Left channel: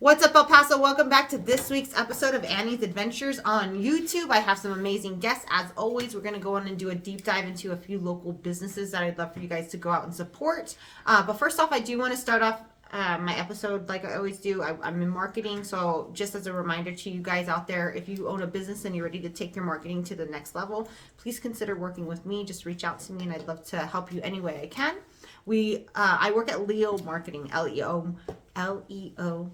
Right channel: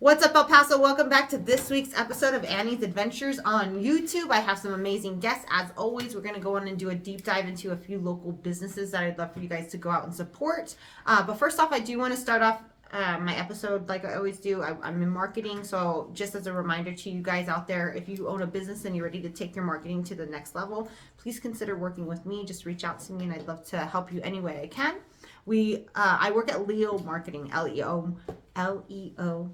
What's up, El Paso? Welcome back to this week's episode of Annie's Adventures on YouTube. I have some amazing guests. As always, we're going to go on and do a deep dive into a few local businesses that I'd love for you guys to go out and support. But first off, I do want to start off my episode like I always do. I'm in marketing, so just as a reminder to you guys out there, if you own a business and you're ready to take your marketing to the next level, please consider working with me. Just reach out to me and I'd love to help you any way I can. I work at Leo Marketing, L-E-O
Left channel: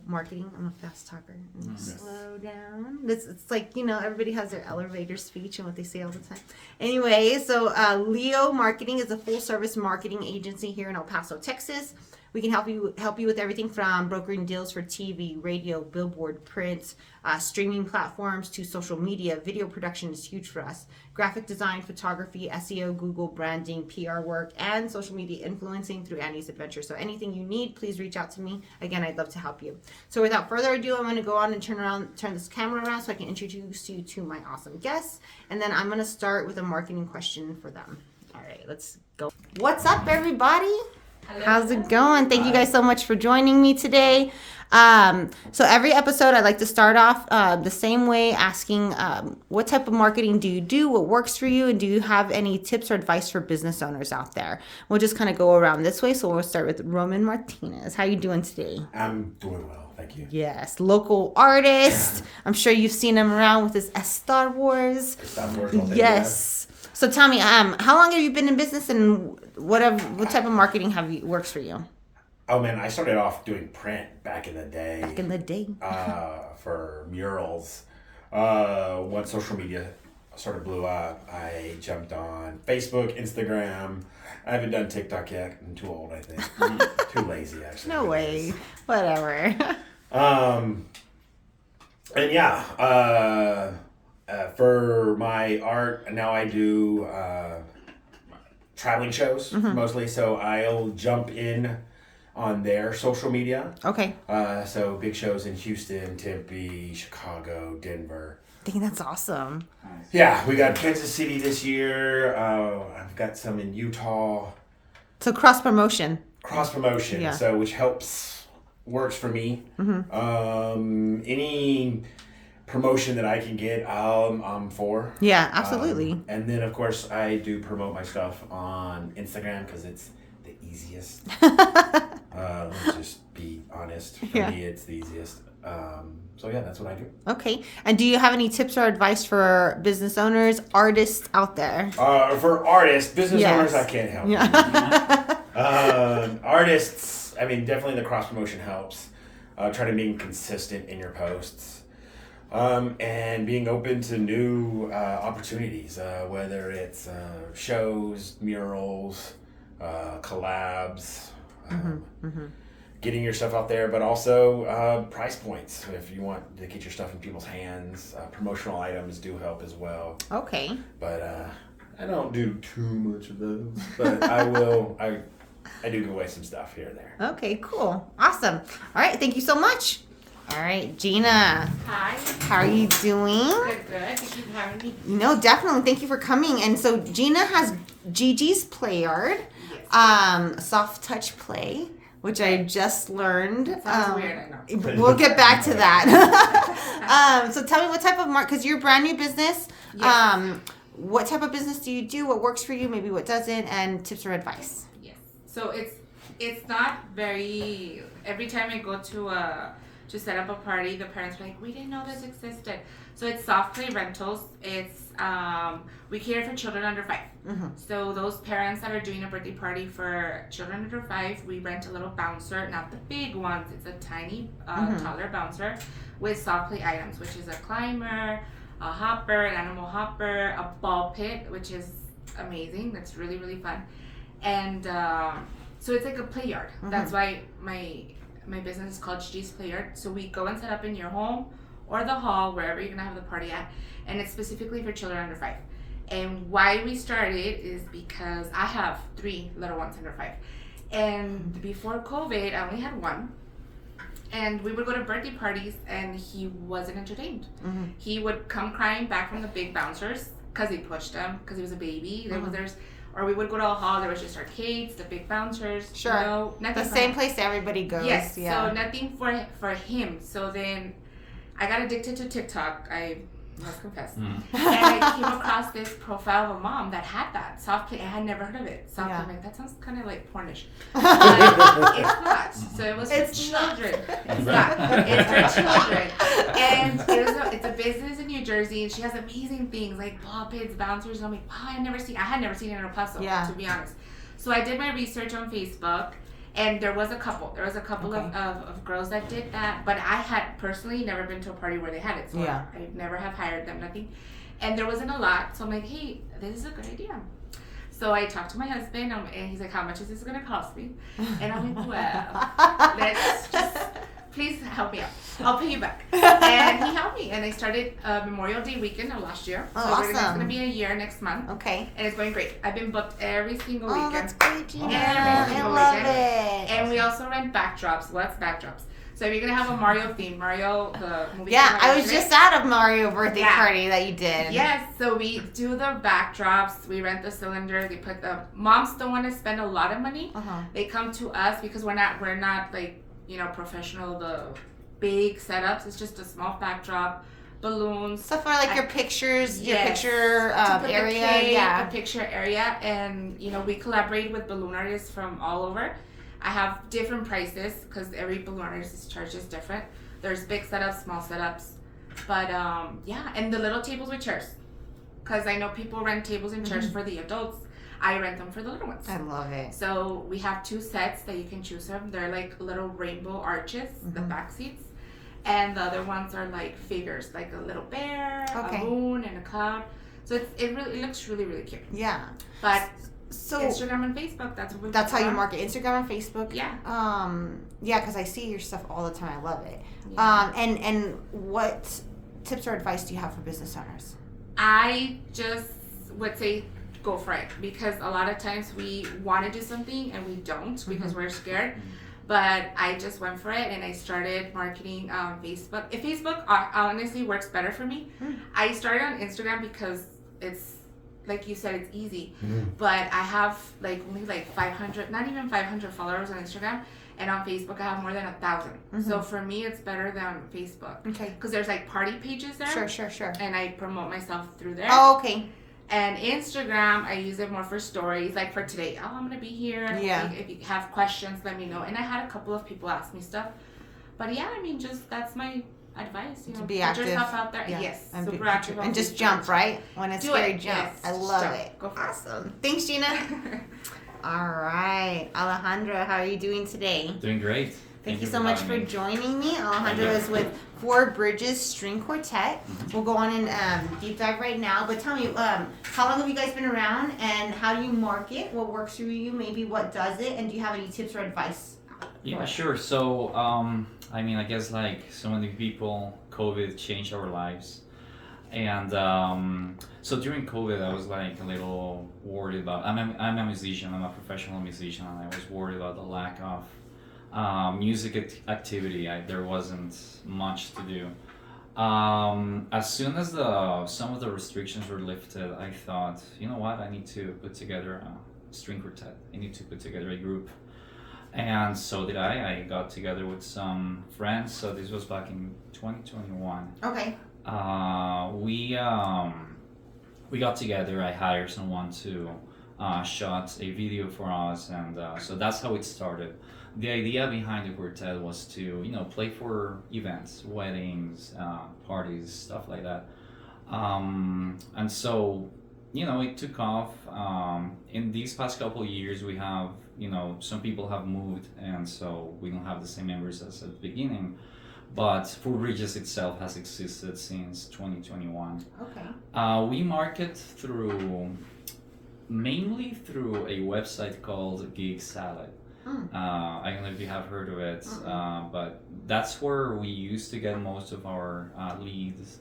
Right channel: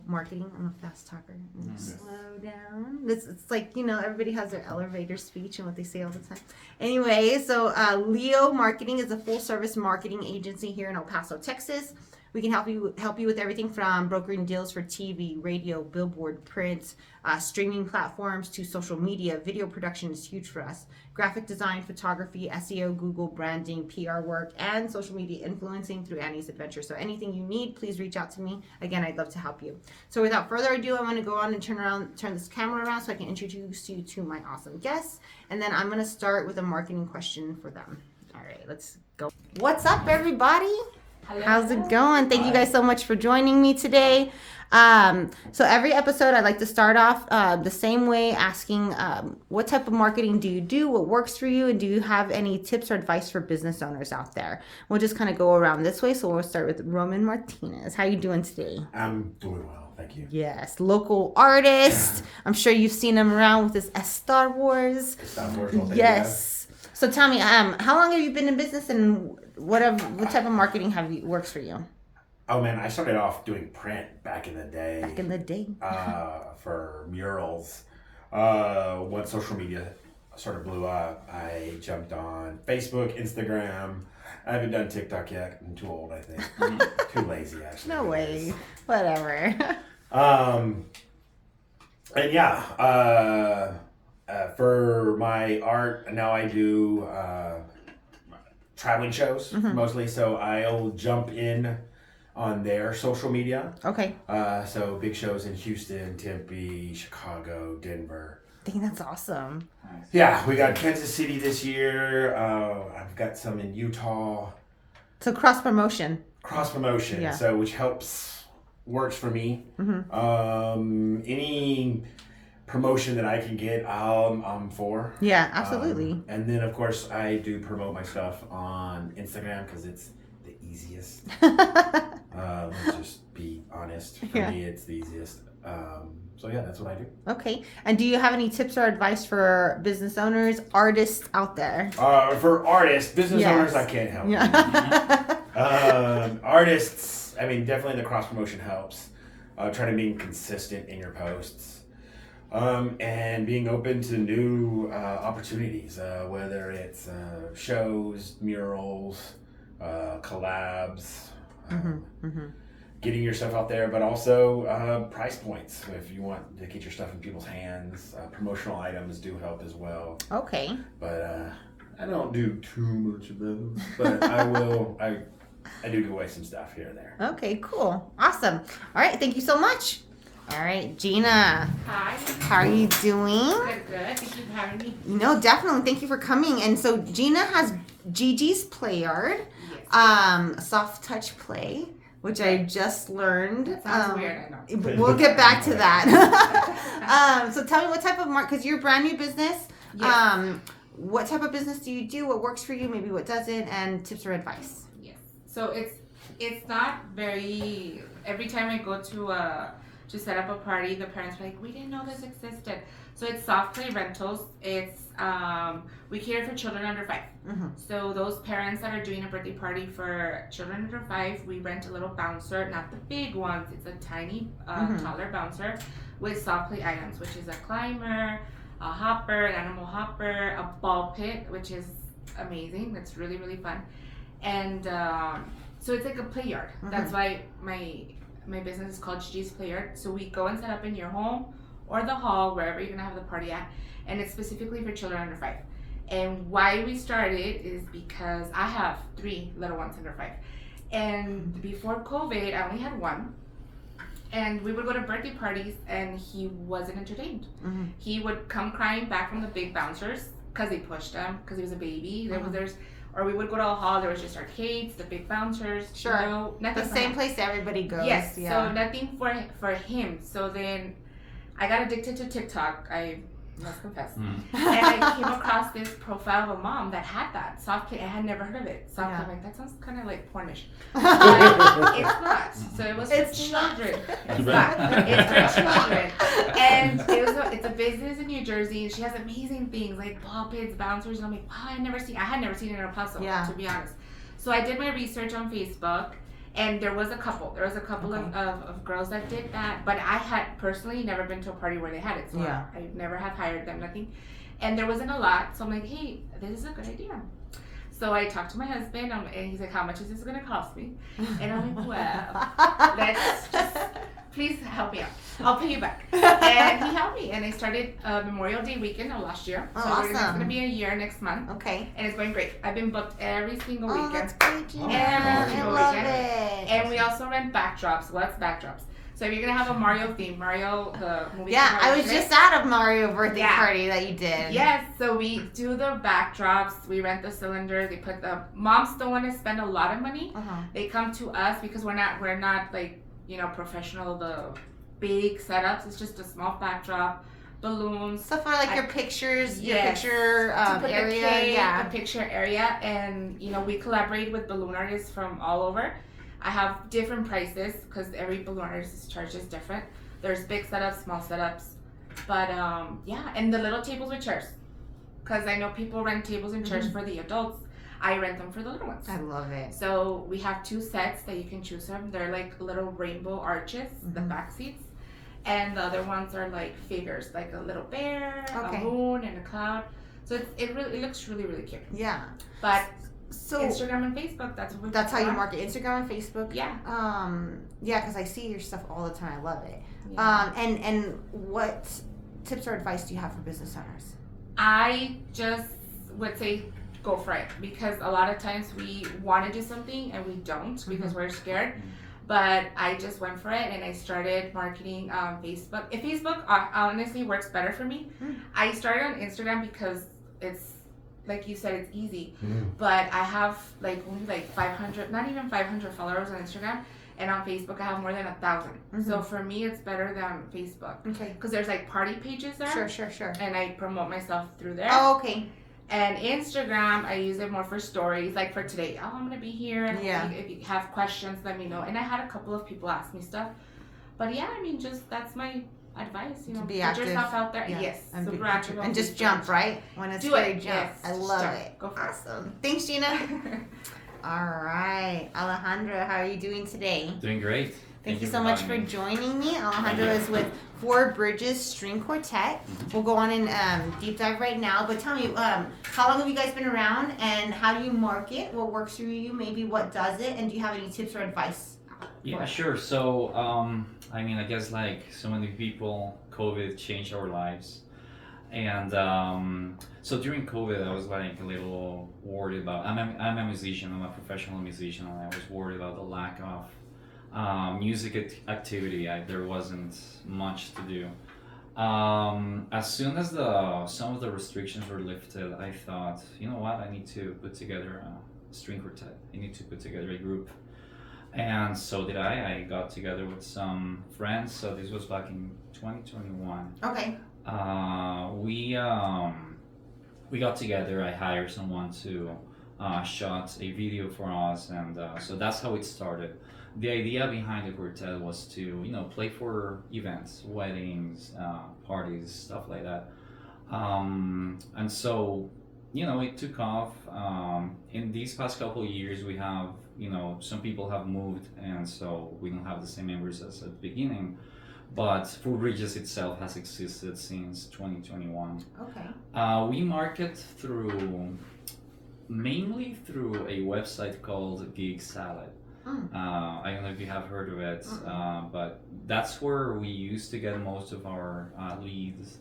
Marketing. I'm a fast talker. Slow down. It's like, everybody has their elevator speech and what they say all the time. Anyway, so Leo Marketing is a full-service marketing agency here in El Paso, Texas. We can help you with everything from brokering deals for TV, radio, billboard, print, streaming platforms to social media. Video production is huge for us. Graphic design, photography, SEO, Google branding, PR work, and social media influencing through Annie's Adventure. So anything you need, please reach out to me. Again, I'd love to help you. So without further ado, I'm going to go on and turn this camera around so I can introduce you to my awesome guests. And then I'm going to start with a marketing question for them. All right, let's go. What's up, everybody? Hello. How's it going? Thank you guys so much for joining me today. So every episode I like to start off the same way, asking what type of marketing do you do, what works for you, and do you have any tips or advice for business owners out there? We'll just kind of go around this way. So we'll start with Roman Martinez. How you doing today? I'm doing well, thank you. Yes, local artist. I'm sure you've seen him around with his Star Wars. Star Wars. Yes. So tell me, how long have you been in business, and what type of marketing works for you? Oh man, I started off doing print back in the day. For murals. Once social media sort of blew up, I jumped on Facebook, Instagram. I haven't done TikTok yet. I'm too old, I think. Too lazy, actually. No way. Whatever. And yeah, for my art, now I do traveling shows mostly. So I'll jump in on their social media. Okay. So big shows in Houston, Tempe, Chicago, Denver. I think that's awesome. Yeah, we got Kansas City this year. I've got some in Utah. So cross promotion. Yeah. So which works for me. Any promotion that I can get, I'm for. Yeah, absolutely. And then of course I do promote my stuff on Instagram because it's the easiest. Let's just be honest. For me, it's the easiest. So yeah, that's what I do. Okay. And do you have any tips or advice for business owners, artists out there? For artists, business owners, I can't help. Artists, I mean, definitely the cross promotion helps. Try to be consistent in your posts. And being open to new opportunities, whether it's shows, murals, collabs, getting your stuff out there, but also price points. If you want to get your stuff in people's hands, promotional items do help as well. Okay. But I don't do too much of those, but I will. I do give away some stuff here and there. Okay, cool. Awesome. All right, thank you so much. All right, Gina. Hi. How are you doing? Good. Thank you for having me. No, definitely. Thank you for coming. And so Gina has Gigi's PlayYard, soft touch play, which I just learned. Sounds weird, I know. We'll get back to that. So tell me what type of because you're a brand new business. Yes. What type of business do you do? What works for you? Maybe what doesn't? And tips or advice. Yes. So it's not very. Every time I go to set up a party, the parents are like, we didn't know this existed. So it's SoftPlay rentals. It's we cater for children under 5. So those parents that are doing a birthday party for children under 5, we rent a little bouncer, not the big ones. It's a tiny, taller bouncer with SoftPlay items, which is a climber, a hopper, an animal hopper, a ball pit, which is amazing. It's really, really fun. And so it's like a PlayYard. That's why my business is called Gigi's PlayYard. So we go and set up in your home or the hall, wherever you're gonna have the party at, and it's specifically for children under 5. And why we started is because I have 3 little ones under 5. And before COVID, I only had 1. And we would go to birthday parties and he wasn't entertained. He would come crying back from the big bouncers because they pushed him because he was a baby. There's or we would go to a hall. There was just arcades, the big bouncers. Sure. You know, nothing. The for same him. place everybody goes. Yes. Yeah. So nothing for him. So then I got addicted to TikTok. I must confess. And I came across this profile of a mom that had that SoftPlay. I had never heard of it. SoftPlay, like, that sounds kind of like pornish. But it's not. So it was for children. It's not. It's for children. And it's a business in New Jersey. She has amazing things like ball pits, bouncers. And I'm like, wow, I had never seen it in El Paso, to be honest. So I did my research on Facebook. And there was a couple. Of girls that did that. But I had personally never been to a party where they had it. So I never have hired them, nothing. And there wasn't a lot. So I'm like, hey, this is a good idea. So I talked to my husband, and he's like, how much is this going to cost me? And I'm like, well, let's just, please help me out. I'll pay you back. And he helped me. And I started Memorial Day weekend of last year. Oh, so awesome. It's going to be a year next month. Okay. And it's going great. I've been booked every single weekend. Oh, that's great, Gina. I love it. And we also rent backdrops. What's backdrops? So if you're going to have a Mario theme, Mario, the movie. Yeah, I was just at a Mario birthday party that you did. Yes, so we do the backdrops. We rent the cylinder. They put the moms don't want to spend a lot of money. They come to us because we're not like, you know, professional, the big setups. It's just a small backdrop, balloons. Stuff for like your pictures, your Yes. picture area. The picture area. And, you know, we collaborate with balloon artists from all over. I have different prices because every balloon artist charges different. There's big setups, small setups. But, and the little tables with chairs. Because I know people rent tables and chairs for the adults. I rent them for the little ones. I love it. So we have 2 sets that you can choose from. They're like little rainbow arches, the back seats. And the other ones are like figures, like a little bear, a moon, and a cloud. So it looks really, really cute. Yeah. But so Instagram and Facebook, that's how you market. Instagram and Facebook. Yeah. Yeah, because I see your stuff all the time. I love it. Yeah. And what tips or advice do you have for business owners? I just would say go for it, because a lot of times we want to do something and we don't because we're scared. But I just went for it and I started marketing on Facebook. If Facebook honestly works better for me, I started on Instagram because it's, like you said, it's easy. But I have like only like 500, not even 500 followers on Instagram. And on Facebook, I have more than 1,000. So for me, it's better than Facebook. Okay. Because there's like party pages there. Sure. And I promote myself through there. Oh, okay. And Instagram, I use it more for stories. Like for today, I'm going to be here. Yeah. If you have questions, let me know. And I had a couple of people ask me stuff. But yeah, I mean, just that's my advice. You know, to be put active. yourself out there. Yeah. Yes. And super active. and just jump, right? When it's scary, jump. Yes. I love Jump. it. Go for Awesome. Thanks, Gina. All right. Alejandro, how are you doing today? Doing great. Thank you so much for joining me. Alejandro is with Four Bridges String Quartet. We'll go on and deep dive right now. But tell me, how long have you guys been around, and how do you market? What works for you? Maybe what does it? And do you have any tips or advice? Yeah, sure. So, I mean, I guess like so many people, COVID changed our lives. And so during COVID, I was like a little worried about, I'm a musician, I'm a professional musician, and I was worried about the lack of music activity. There wasn't much to do. As soon as some of the restrictions were lifted, I thought, you know what, I need to put together a string quartet. I need to put together a group. And so did I. I got together with some friends. So this was back in 2021. Okay. We got together. I hired someone to shot a video for us, and so that's how it started. The idea behind the quartet was to, you know, play for events, weddings, parties, stuff like that. And so, you know, it took off. In these past couple of years, we have, you know, some people have moved, and so we don't have the same members as at the beginning. But Four Bridges itself has existed since 2021. Okay. We market mainly through a website called Gig Salad. I don't know if you have heard of it, but that's where we used to get most of our leads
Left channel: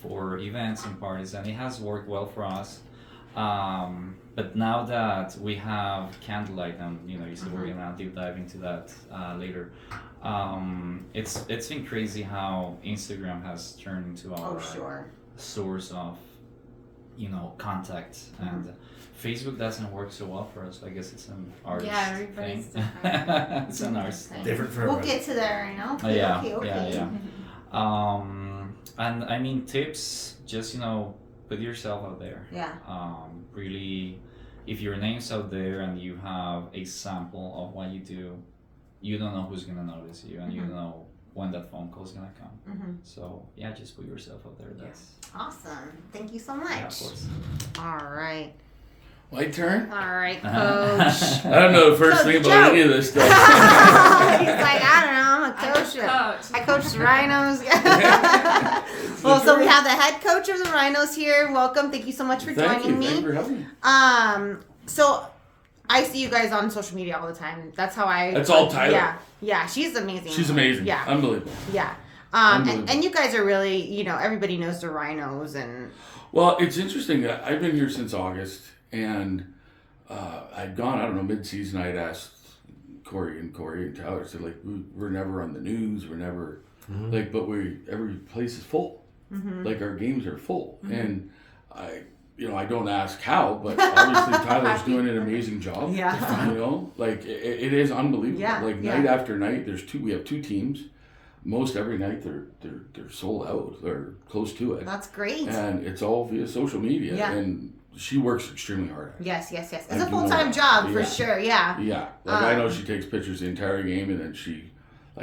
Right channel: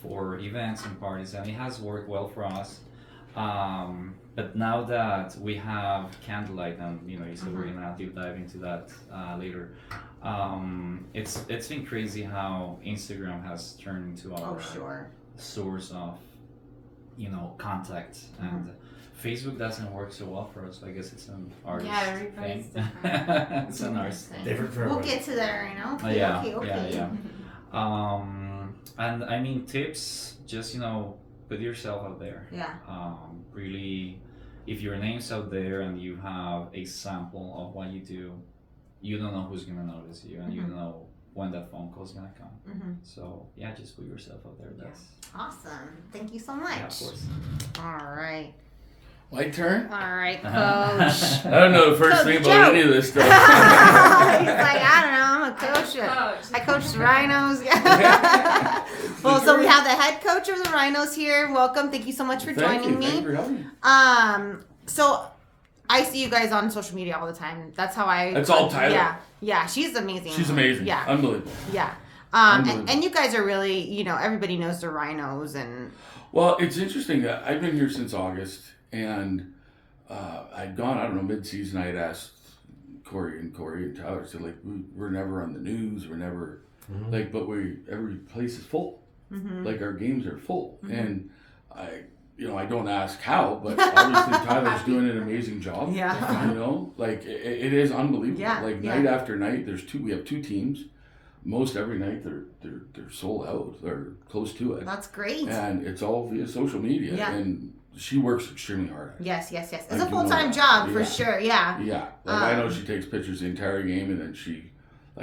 for events and parties, and it has worked well for us. But now that we have Candlelight, and you know, you said we're gonna deep dive into that later. It's been crazy how Instagram has turned into our source of contact. And Facebook doesn't work so well for us. I guess it's an artist everybody's thing. different. It's an artist thing. Different for We'll everyone. get to that right now. Yeah, Okay. yeah. And I mean, tips, just, put yourself out there. Yeah. Really, if your name's out there and you have a sample of what you do, you don't know who's gonna notice you, and you don't know when that phone call's gonna come. Mm-hmm. So yeah, just put yourself out there. That's Awesome. Thank you so much. yeah, of course. All right. My turn? All right, Coach. I don't know the first Coach thing about Joe. any of this stuff. He's like, I don't know. I'm a coach. Coach. I coach the Rhinos. Well, so we have the head coach of the Rhinos here. Welcome. Thank you so much for Thank joining you. Thank you me. for having me. So I see you guys on social media all the time. That's how I. That's all Tyler. Yeah. Yeah. She's amazing. She's amazing. Yeah. Unbelievable. Yeah. Unbelievable. And you guys are really, everybody knows the Rhinos and. Well, it's interesting that I've been here since August, and I'd gone, I don't know, mid-season, I had asked Corey and Tyler, said, like, we're never on the news, we're never, like, but every place is full. Mm-hmm. Like, our games are full. And I don't ask how, but obviously Tyler's doing an amazing job. Yeah. Like, it is unbelievable. Yeah, Like, yeah. night after night, we have two teams. Most every night they're sold out or close to it. That's great. And it's all via social media. Yeah. And she works extremely hard at it. Yes. It's I a do full-time know job that. for Yeah. sure. Yeah. Yeah. Like, I know she takes pictures the entire game, and then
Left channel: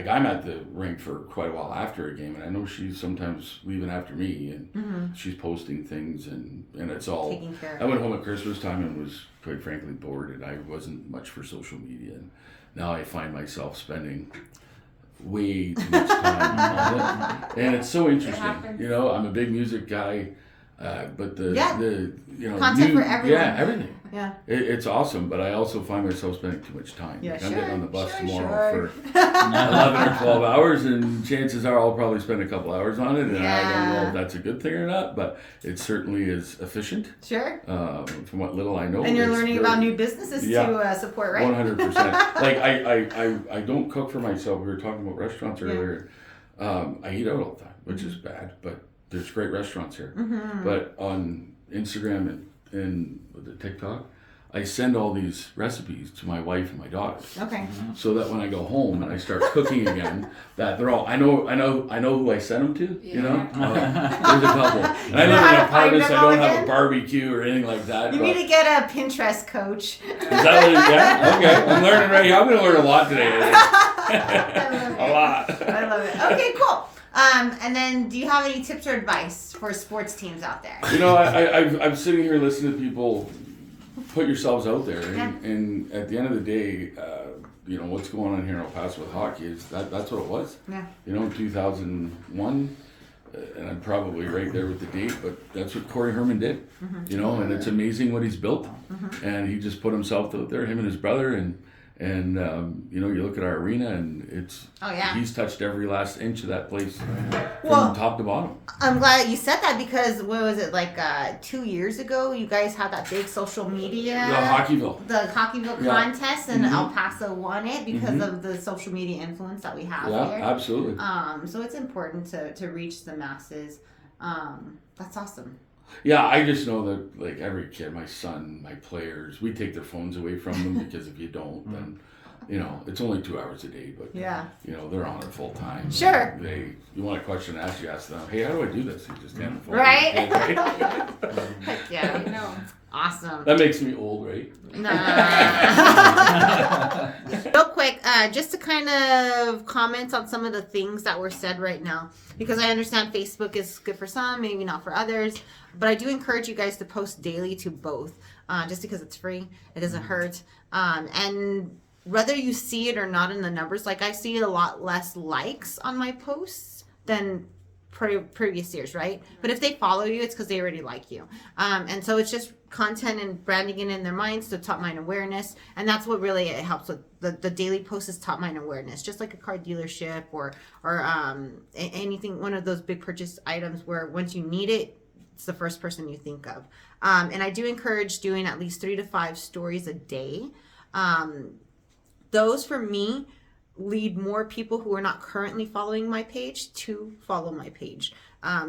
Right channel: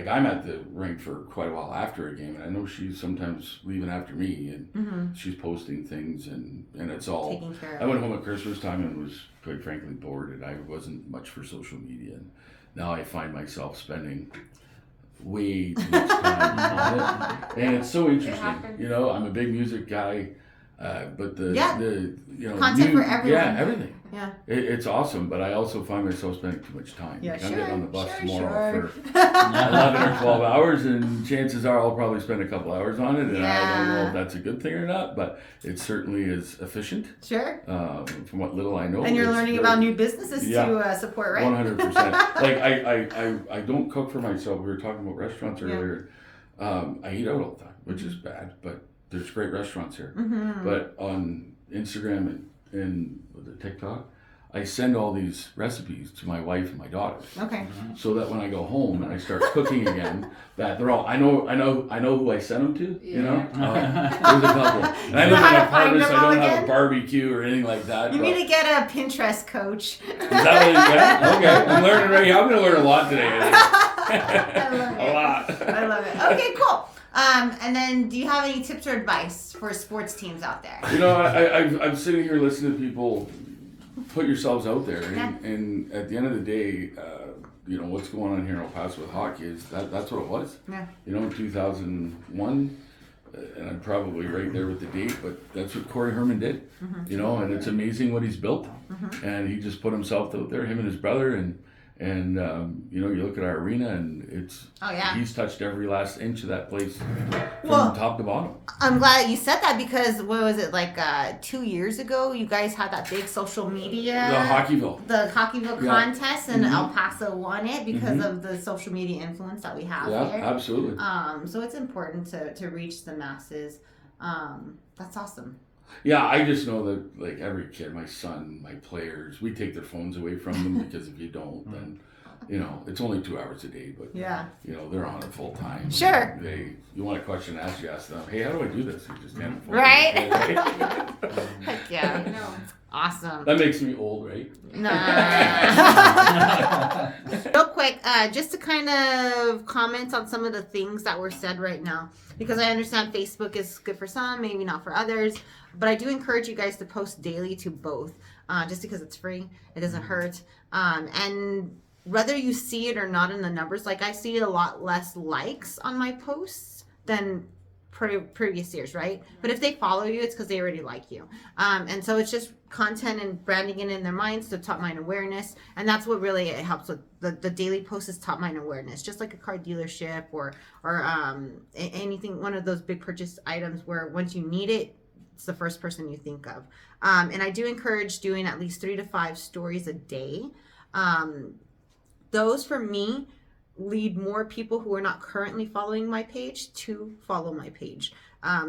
I'm at the rink for quite a while after a game, and I know she's sometimes leaving after me, and she's posting things, and it's all. Taking care I of went home at Christmas time and was, quite frankly, bored, and I wasn't much for social media, and now I find myself spending way too much time on it, and it's so interesting. happens. I'm a big music guy, but the Content for everyone. yeah, everything. Yeah. It's awesome, but I also find myself spending too much time. Yeah, Like, I'm getting on the bus sure. tomorrow for 11 or 12 hours, and chances are I'll probably spend a couple hours on it, and I don't know Yeah. if that's a good thing or not, but it certainly is efficient. Sure. From what little I know. And you're it's learning very- about new businesses Yeah. to support, right? 100%. Like, I don't cook for myself. We were talking about restaurants earlier. I eat out all the time, which is bad, but there's great restaurants here. But on Instagram and the TikTok, I send all these recipes to my wife and my daughter, Okay. so that when I go home and I start cooking again, that they're all I know who I send them to. There's a couple, and I You know live how in to an apartment, find so I them don't all have again? a barbecue or anything like that. You but- need to get a Pinterest coach. Is that what it is? Yeah? Okay, I'm learning right here. I'm going to learn a lot today. I I love think. it. A lot. I love it. Okay, cool. And then, do you have any tips or advice for sports teams out there? I'm sitting here listening to people put yourselves out there, and at the end of the day, what's going on here in El Paso with hockey is that's what it was. Yeah. In 2001, and I'm probably right there with the date, but that's what Corey Herman did. And it's amazing what he's built, and he just put himself out there, him and his brother, and you look at our arena, and it's he's touched every last inch of that place from top to bottom. I'm glad you said that because what was it, like 2 years ago? You guys had that big social media. The Hockeyville contest, and El Paso won it because of the social media influence that we have Yeah, there. absolutely. So it's important to reach the masses. That's awesome. Yeah, I just know that, like, every kid, my son, my players, we take their phones away from them, because if you don't, then, it's only 2 hours a day, but, they're on it full time. Sure. You want a question to ask, you ask them, hey, how do I do this? You just hand the phone. Right? Okay. Heck yeah. I know. Awesome. That makes me old, right? Real quick, just to kind of comment on some of the things that were said right now, because I understand Facebook is good for some, maybe not for others, but I do encourage you guys to post daily to both, just because it's free, it doesn't hurt, and whether you see it or not in the numbers, like I see a lot less likes on my posts than previous years, right? But if they follow you, it's because they already like you, and so it's just content and branding it in their minds to top mind awareness, and that's what really it helps with the daily post is top mind awareness, just like a car dealership or anything, one of those big purchase items where once you need it, it's the first person you think of. And I do encourage doing at least 3 to 5 stories a day. Those for me lead more people who are not currently following my page to follow my page.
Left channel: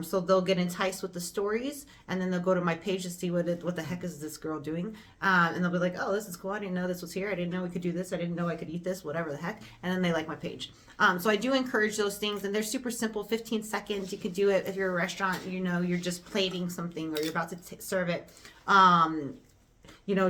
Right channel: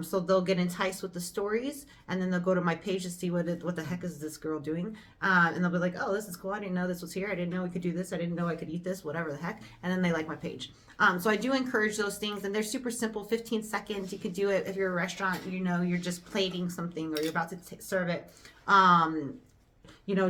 So they'll get enticed with the stories, and then they'll go to my page to see what the heck is this girl doing, and they'll be like, oh, this is cool. I didn't know this was here. I didn't know we could do this. I didn't know I could eat this. Whatever the heck. And then they like my page. So I do encourage those things, and they're super simple. 15 seconds. You could do it if you're a restaurant. You're just plating something or you're about to serve it.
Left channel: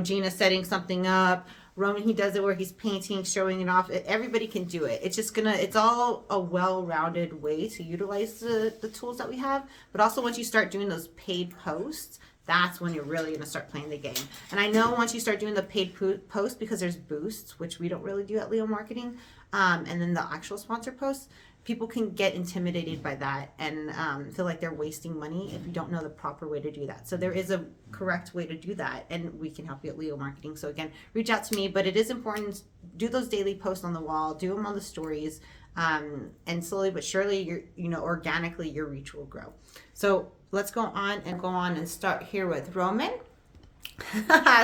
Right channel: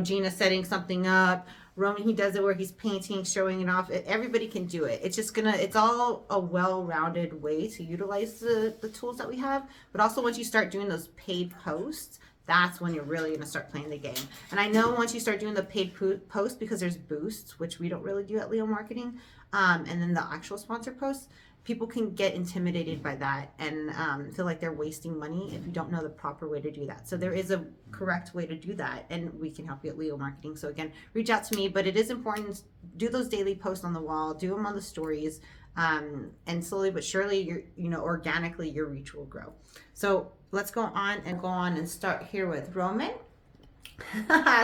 Gina setting something up. Roman, he does it where he's painting, showing it off. Everybody can do it. It's all a well-rounded way to utilize the tools that we have. But also once you start doing those paid posts, that's when you're really going to start playing the game. And I know once you start doing the paid posts, because there's boosts, which we don't really do at Leo Marketing, and then the actual sponsor posts, people can get intimidated by that and feel like they're wasting money if you don't know the proper way to do that. So there is a correct way to do that, and we can help you at Leo Marketing. So again, reach out to me, but it is important to do those daily posts on the wall, do them on the stories, and slowly but surely, organically your reach will grow. So let's go on and start here with Roman.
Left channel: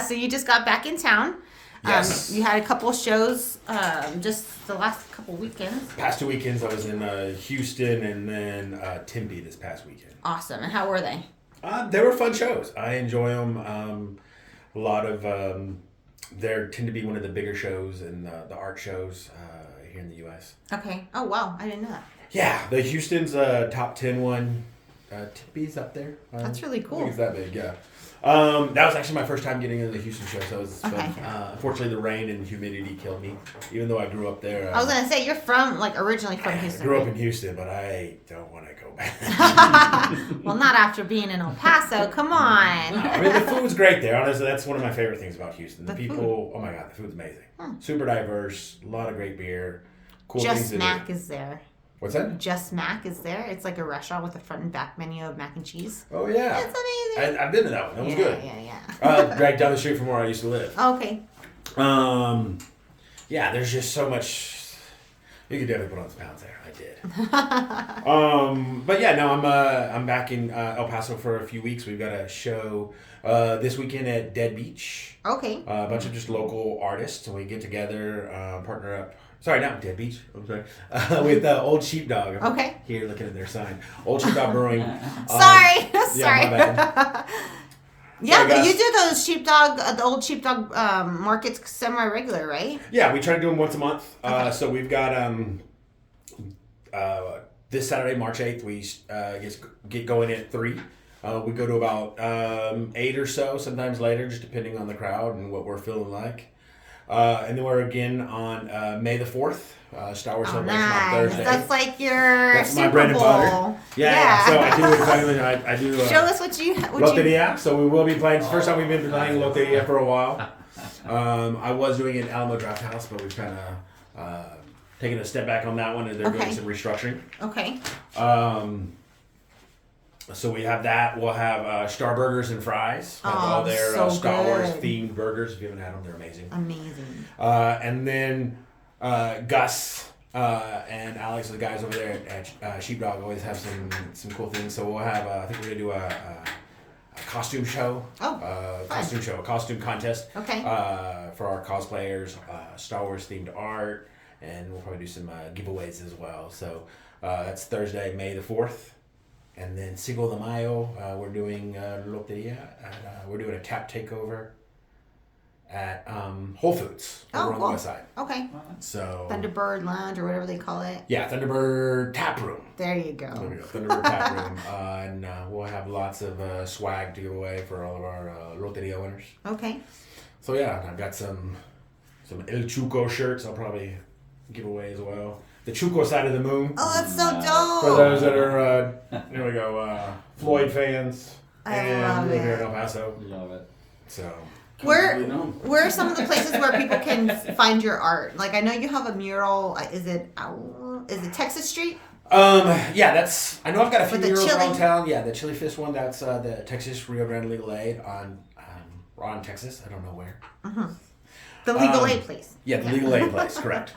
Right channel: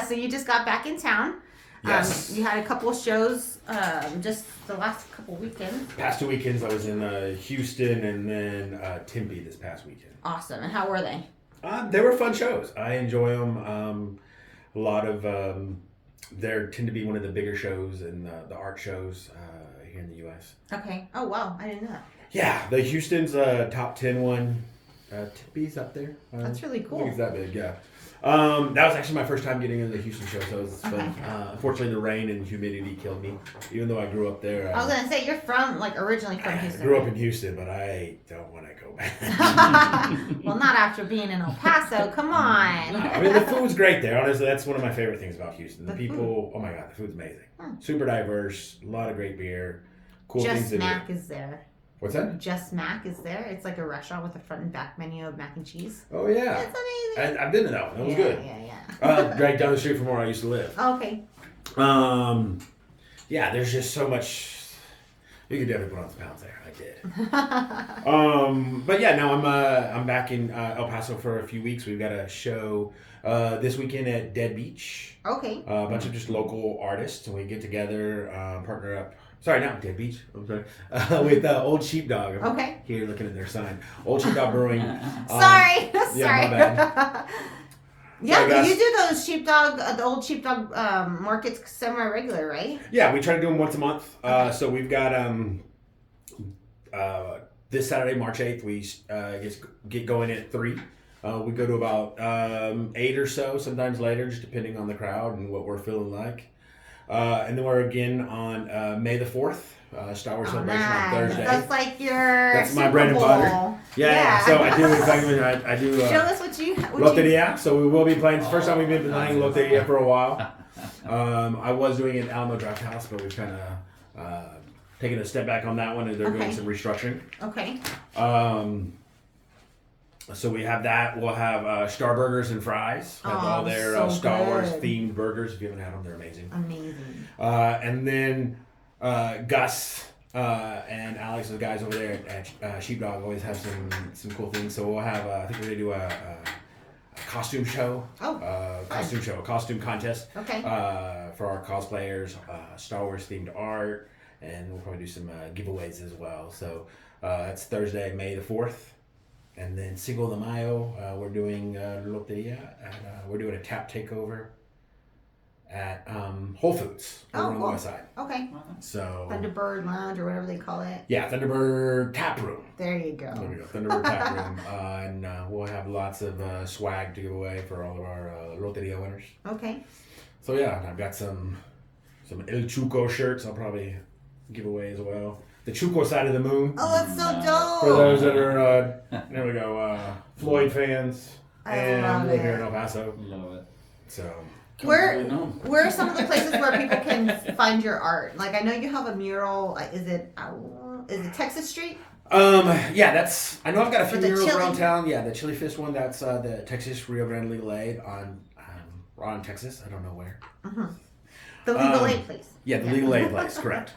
So you just got back in town. Yes. You had a couple of shows just the last couple weekends. Past 2 weekends, I was in Houston and then Tempe this past weekend. Awesome. And how were they? They were fun shows. I enjoy them. A lot of there tend to be one of the bigger shows and the art shows here in the U.S. Okay. Oh, wow. I didn't know that. Yeah, the Houston's top 10 one. Tempe's up there. That's really I think cool. it's that big, yeah. That was actually my first time getting into the Houston show, so it was fun. Okay. Unfortunately, the rain and humidity killed me, even though I grew up there. I was going to say, you're originally from Houston. I grew up right? in Houston, but I don't want to go back. Well, not after being in El Paso. Come on. I mean, the food's great there. Honestly, that's one of my favorite things about Houston. The The people, oh my God, the food's amazing. Super diverse, a lot of great beer, cool things Just to Mac do. is there. What's that? Just Mac is there. It's like a restaurant with a front and back menu of mac and cheese. Oh, yeah. It's amazing. I've been to that one. That was good. Yeah. Right down the street from where I used to live. Okay. Yeah, there's just so much. You could definitely put on some pounds there. I did. But yeah, no, I'm back in El Paso for a few weeks. We've got a show this weekend at Dead Beach. Okay. A bunch of just local artists, and we get together, partner up. Sorry, not Dead Beach. I'm sorry. With Old Sheepdog. I'm Okay. Here looking at their sign. Old Sheepdog Brewing. Sorry. Yeah, Sorry. my bad. Yeah, Sorry, but guys. you do those sheepdog, the old sheepdog markets semi-regular, right? Yeah, we try to do them once a month. Okay. So we've got this Saturday, March 8th, we get going at 3. We go to about 8 or so, sometimes later, just depending on the crowd and what we're feeling like. And then we're again on May the 4th, Star Wars Celebration on Thursday. That's like your That's my Super bread and butter. Bowl. Yeah. So I do exactly. I do. Show us what you. Loteria. So we will be playing. First time we've been playing Loteria for a while. I was doing it at Alamo Draft House, but we've kind of taken a step back on that one, and they're Okay. doing some restructuring. Okay. So we have that. We'll have Star Burgers and Fries. Have all their so Star Wars good. themed burgers. If you haven't had them, they're amazing. Amazing. And then Gus and Alex, the guys over there at Sheepdog, always have some cool things. So we'll have, I think we're gonna do a costume show. Oh, A costume contest. Okay. For our cosplayers, Star Wars themed art, and we'll probably do some giveaways as well. So that's Thursday, May the 4th. And then Cinco de Mayo, we're doing Loteria. We're doing a tap takeover at Whole Foods over on the cool. west side. Okay. So Thunderbird Lounge or whatever they call it. yeah, Thunderbird Tap Room. There you go. There we go, Thunderbird Tap Room, and we'll have lots of swag to give away for all of our Loteria winners. Okay. So yeah, I've got some El Chuco shirts. I'll probably give away as well. The Chuco side of the moon. Oh, that's so dope. For those that are, there we go, Floyd fans I and love live here it. in El Paso. Love it. So Where are some of the places where people can find your art? Like I know you have a mural. Is it Texas Street? yeah, I know I've got a few For the murals chili? around town. Yeah, the Chili Fish one. That's the Texas Rio Grande Legal Aid on Texas. I don't know where. The legal aid place. Yeah, the Legal Aid place. Correct.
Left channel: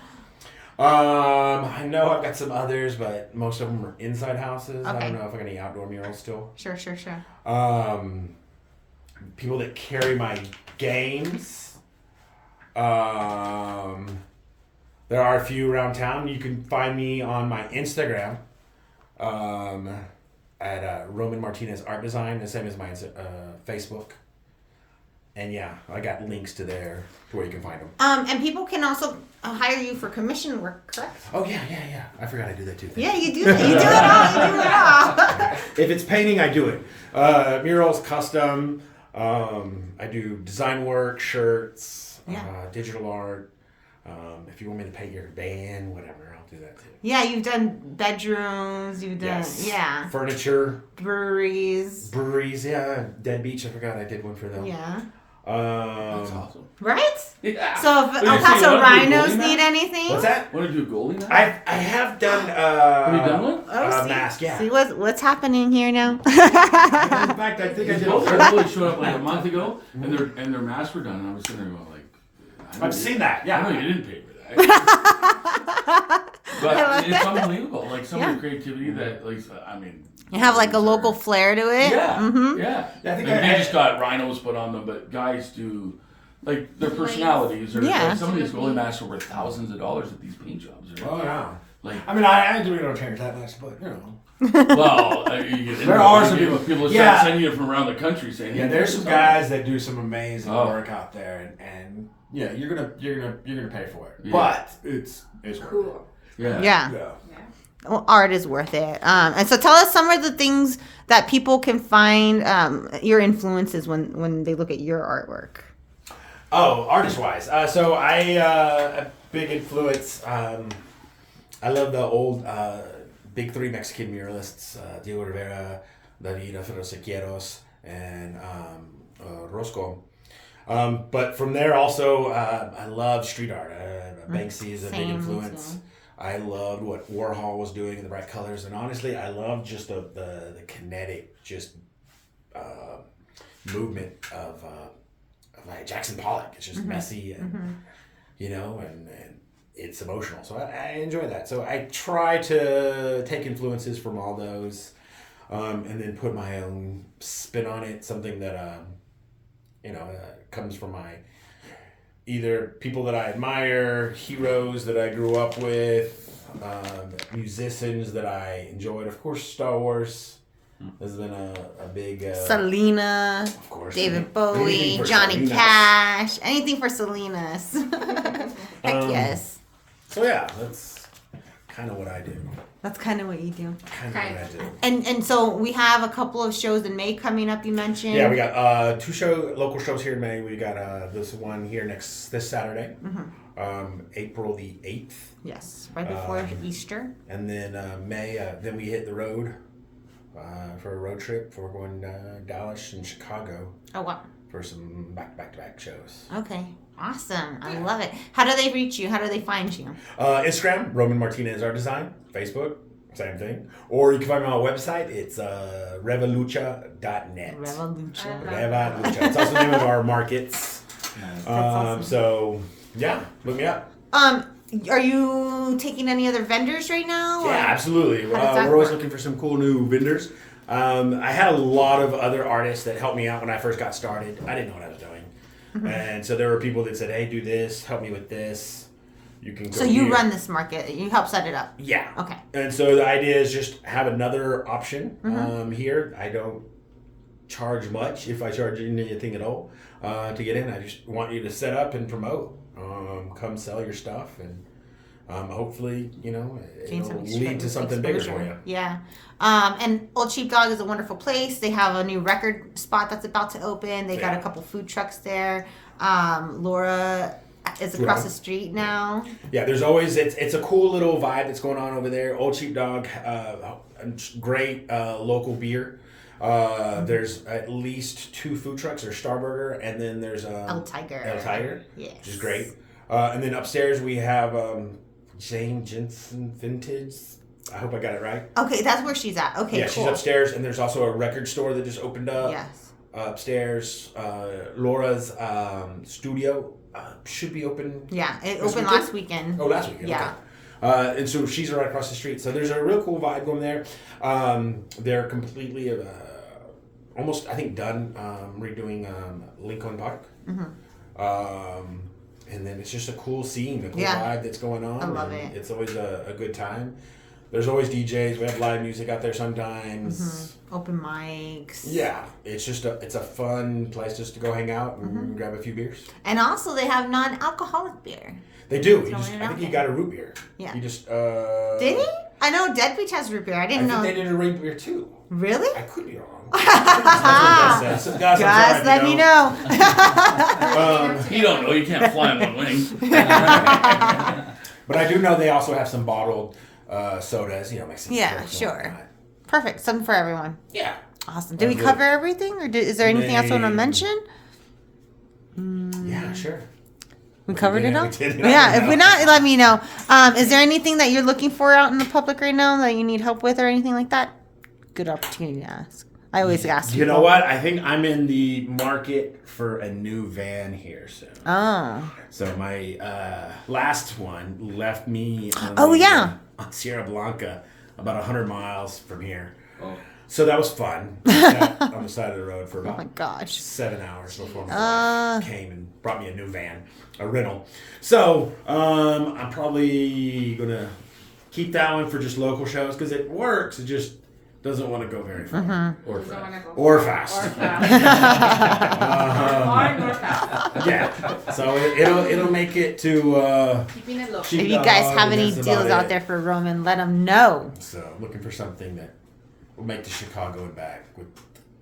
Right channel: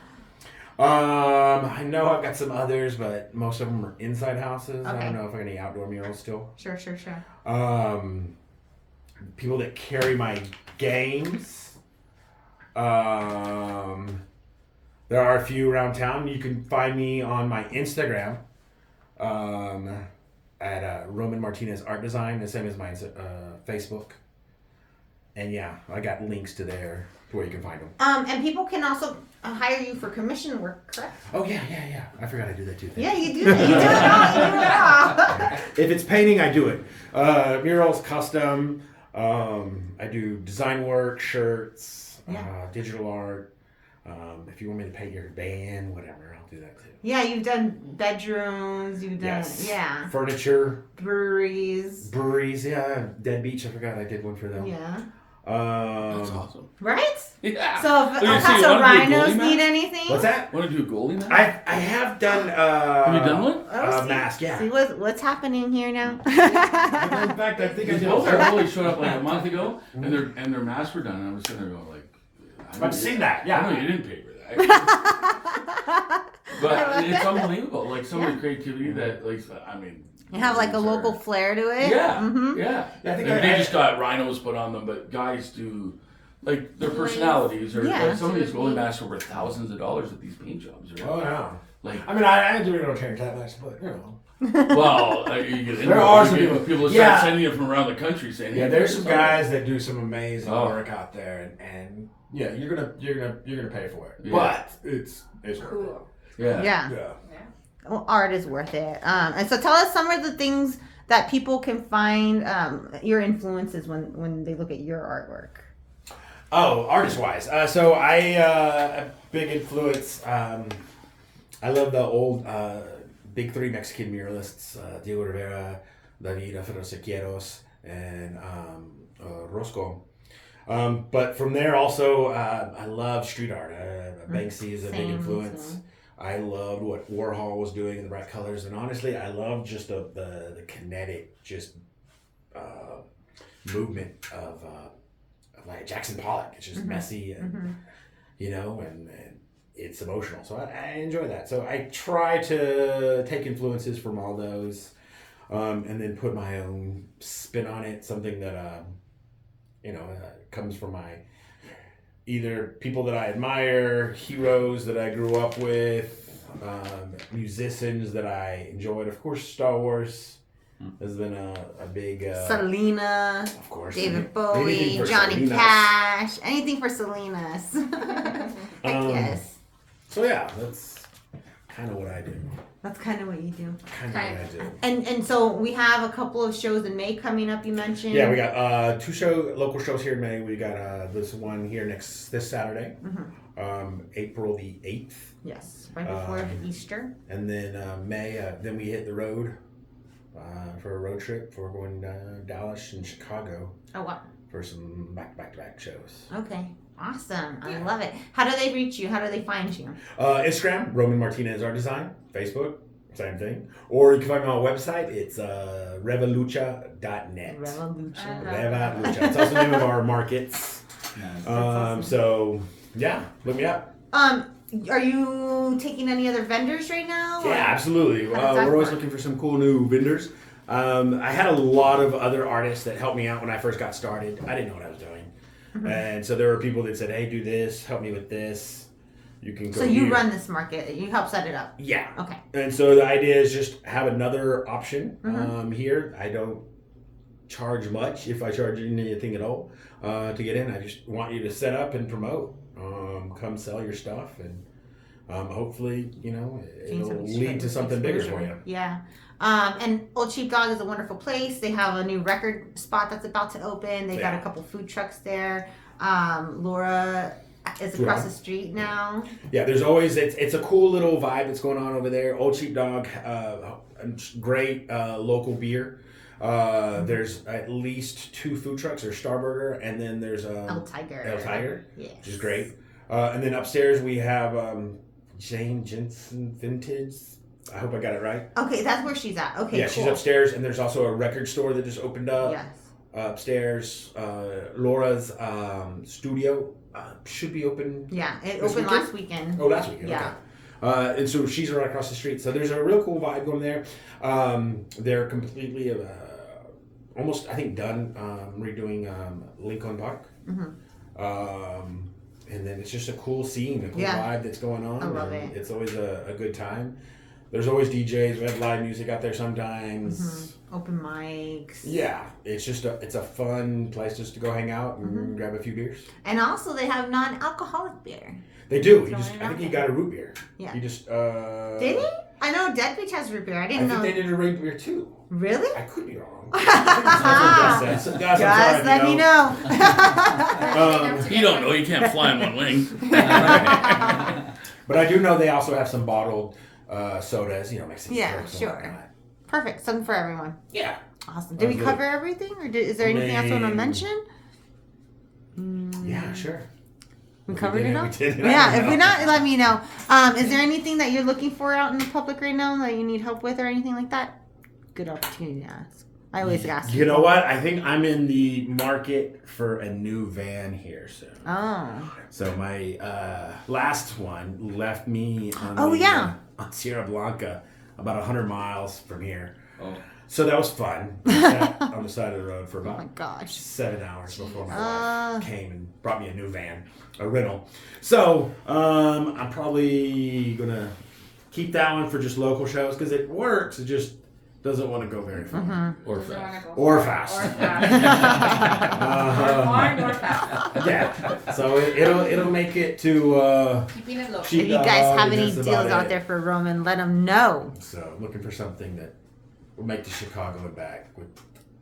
I know I've got some others, but most of them are inside houses. I Okay. don't know if I got any outdoor murals still. Sure. People that carry my games. there are a few around town. You can find me on my Instagram at Roman Martinez Art Design, the same as my Facebook. And yeah, I got links to there to where you can find them. And people can also hire you for commission work, correct? Oh yeah. I forgot I do that too. Yeah, you do. You do it all. If it's painting, I do it. Murals, custom. I do design work, shirts, digital art. If you want me to paint your van, whatever, I'll do that too. Yeah, you've done bedrooms. You've done Furniture. breweries. Yeah. Dead Beach. I forgot I did one for them. Yeah. That's awesome. Right? Yeah. So if you see, Paso want to do a Rhinos goalie need match? anything? What's that? Want to do a goalie now? I have done. Have you done one? Mask. Yeah. See what's happening here now? In fact, I think I Because did. both our goalies showed up like a month ago, and their masks were done. And I was sitting there going like, I've seen that. I Yeah. know you didn't pay for that. But I like it's it. unbelievable. Like some of the creativity that, like, I mean. You have like a local flair to it. Yeah, Mm-hmm. yeah. Yeah, I think Like, I- they just got rhinos put on them, but guys do, like, their personalities. Or Yeah. like, some of these goalie masks are worth thousands of dollars at these paint jobs. Right? Oh yeah. Like, I mean, I do no change that much, but you know. well, you get There are some people. people- Start yeah. sending you from around the country saying, Yeah, hey, there's some something. guys that do some amazing Oh. work out there, and yeah, you're gonna pay for it, Yeah. but it's Cool. Yeah. Yeah. Yeah. Well, art is worth it. And so tell us some of the things that people can find your influences when they look at your artwork. Oh, artist-wise. So I a big influence. I love the old big three Mexican muralists: Diego Rivera, David Sequeiros, and Roscoe. But from there, also, I love street art. Banksy is a big Same, influence. too. I loved what Warhol was doing in the bright colors, and honestly, I love just the kinetic, just movement of like Jackson Pollock. It's just messy and you know, and it's emotional. So I enjoy that. So I try to take influences from all those, and then put my own spin on it. Something that comes from my either people that I admire, heroes that I grew up with, musicians that I enjoyed. Of course, Star Wars has been a big. Selena, of course, David Bowie, anything for Johnny Salinas. Cash, anything for Selena's. Heck yes. So yeah, that's kind of what I do. That's kind of what you do. Kind of what I do. And so we have a couple of shows in May coming up, you mentioned. Yeah, we got two local shows here in May. We got this one here this Saturday, April the 8th. Yes, right before Easter. And then May, then we hit the road for a road trip. We're going to Dallas and Chicago Oh, wow. for some back-to-back shows. Okay. Awesome. I love it. How do they reach you? How do they find you? Instagram, Roman Martinez Art Design. Facebook, same thing. Or you can find me on our website. It's revolucha.net. Revolution. Revolucha. It's also the name of our markets. awesome. So, yeah, look me up. Are you taking any other vendors right now? Yeah, absolutely. How does that We're always work? looking for some cool new vendors. I had a lot of other artists that helped me out when I first got started. I didn't know what I was doing. And so there were people that said, hey, do this, help me with this. You can go So you here. run this market. You help set it up. Yeah. Okay. And so the idea is just have another option here. I don't charge much, if I charge anything at all, to get in. I just want you to set up and promote. Come sell your stuff, and hopefully, it'll lead to something bigger for you. Yeah. And Old Sheepdog is a wonderful place. They have a new record spot that's about to open. They got a couple food trucks there. Laura is across the street now. Yeah, there's always it's a cool little vibe that's going on over there. Old Sheepdog, great local beer. There's at least 2 food trucks. There's Starburger, and then there's El Tiger. El Tiger, Yes. which is great. And then upstairs we have Jane Jensen Vintage. I hope I got it right. Okay, that's where she's at. Okay, Yeah, cool. she's upstairs, and there's also a record store that just opened up. Yes. Upstairs, Laura's studio should be open. Yeah, it This opened weekend? last weekend. Oh, last weekend. Yeah. Okay. And so she's right across the street. So there's a real cool vibe going there. They're completely, almost I think done redoing Lincoln Park. and then it's just a cool scene, a cool Yeah. vibe that's going on. I love and it. It's always a good time. There's always DJs. We have live music out there sometimes. Open mics. Yeah, it's a fun place just to go hang out and grab a few beers. And also they have non-alcoholic beer. They do. Throwing it I out think you there. got a root beer. Yeah. You just Did he? I know Dead Beach has root beer. I I didn't think know. they did a root beer too. Really? I could be wrong. That's what Gus said. So, Gus, I'm Guys, sorry, let you me know. You don't know. You can't fly on one wing. But I do know they also have some bottled sodas. Mexican. Yeah, Cokes and sure. whatnot. Perfect. Something for everyone. Yeah. Awesome. Did we Good. cover everything, or is there anything else you want to mention? Yeah, sure. We covered it all. We did. Yeah. If we're not, let me know. Is there anything that you're looking for out in the public right now that you need help with, or anything like that? Good opportunity to ask. I always ask. You know people. what? I think I'm in the market for a new van here soon. Oh. So my last one left me on on Sierra Blanca, about 100 miles from here. Oh. So that was fun. Sat on the side of the road for Oh my about gosh. 7 hours before my Uh. wife came and brought me a new van, a rental. So I'm probably gonna keep that one for just local shows because it works. It just doesn't want to go very far Or Doesn't fast. wanna go or fast. Or fast. Uh-huh. Or fast. Yeah. So it'll make it to. Keeping it low. If you guys have any deals out there for Roman, let them know. So looking for something that will make the Chicago and back.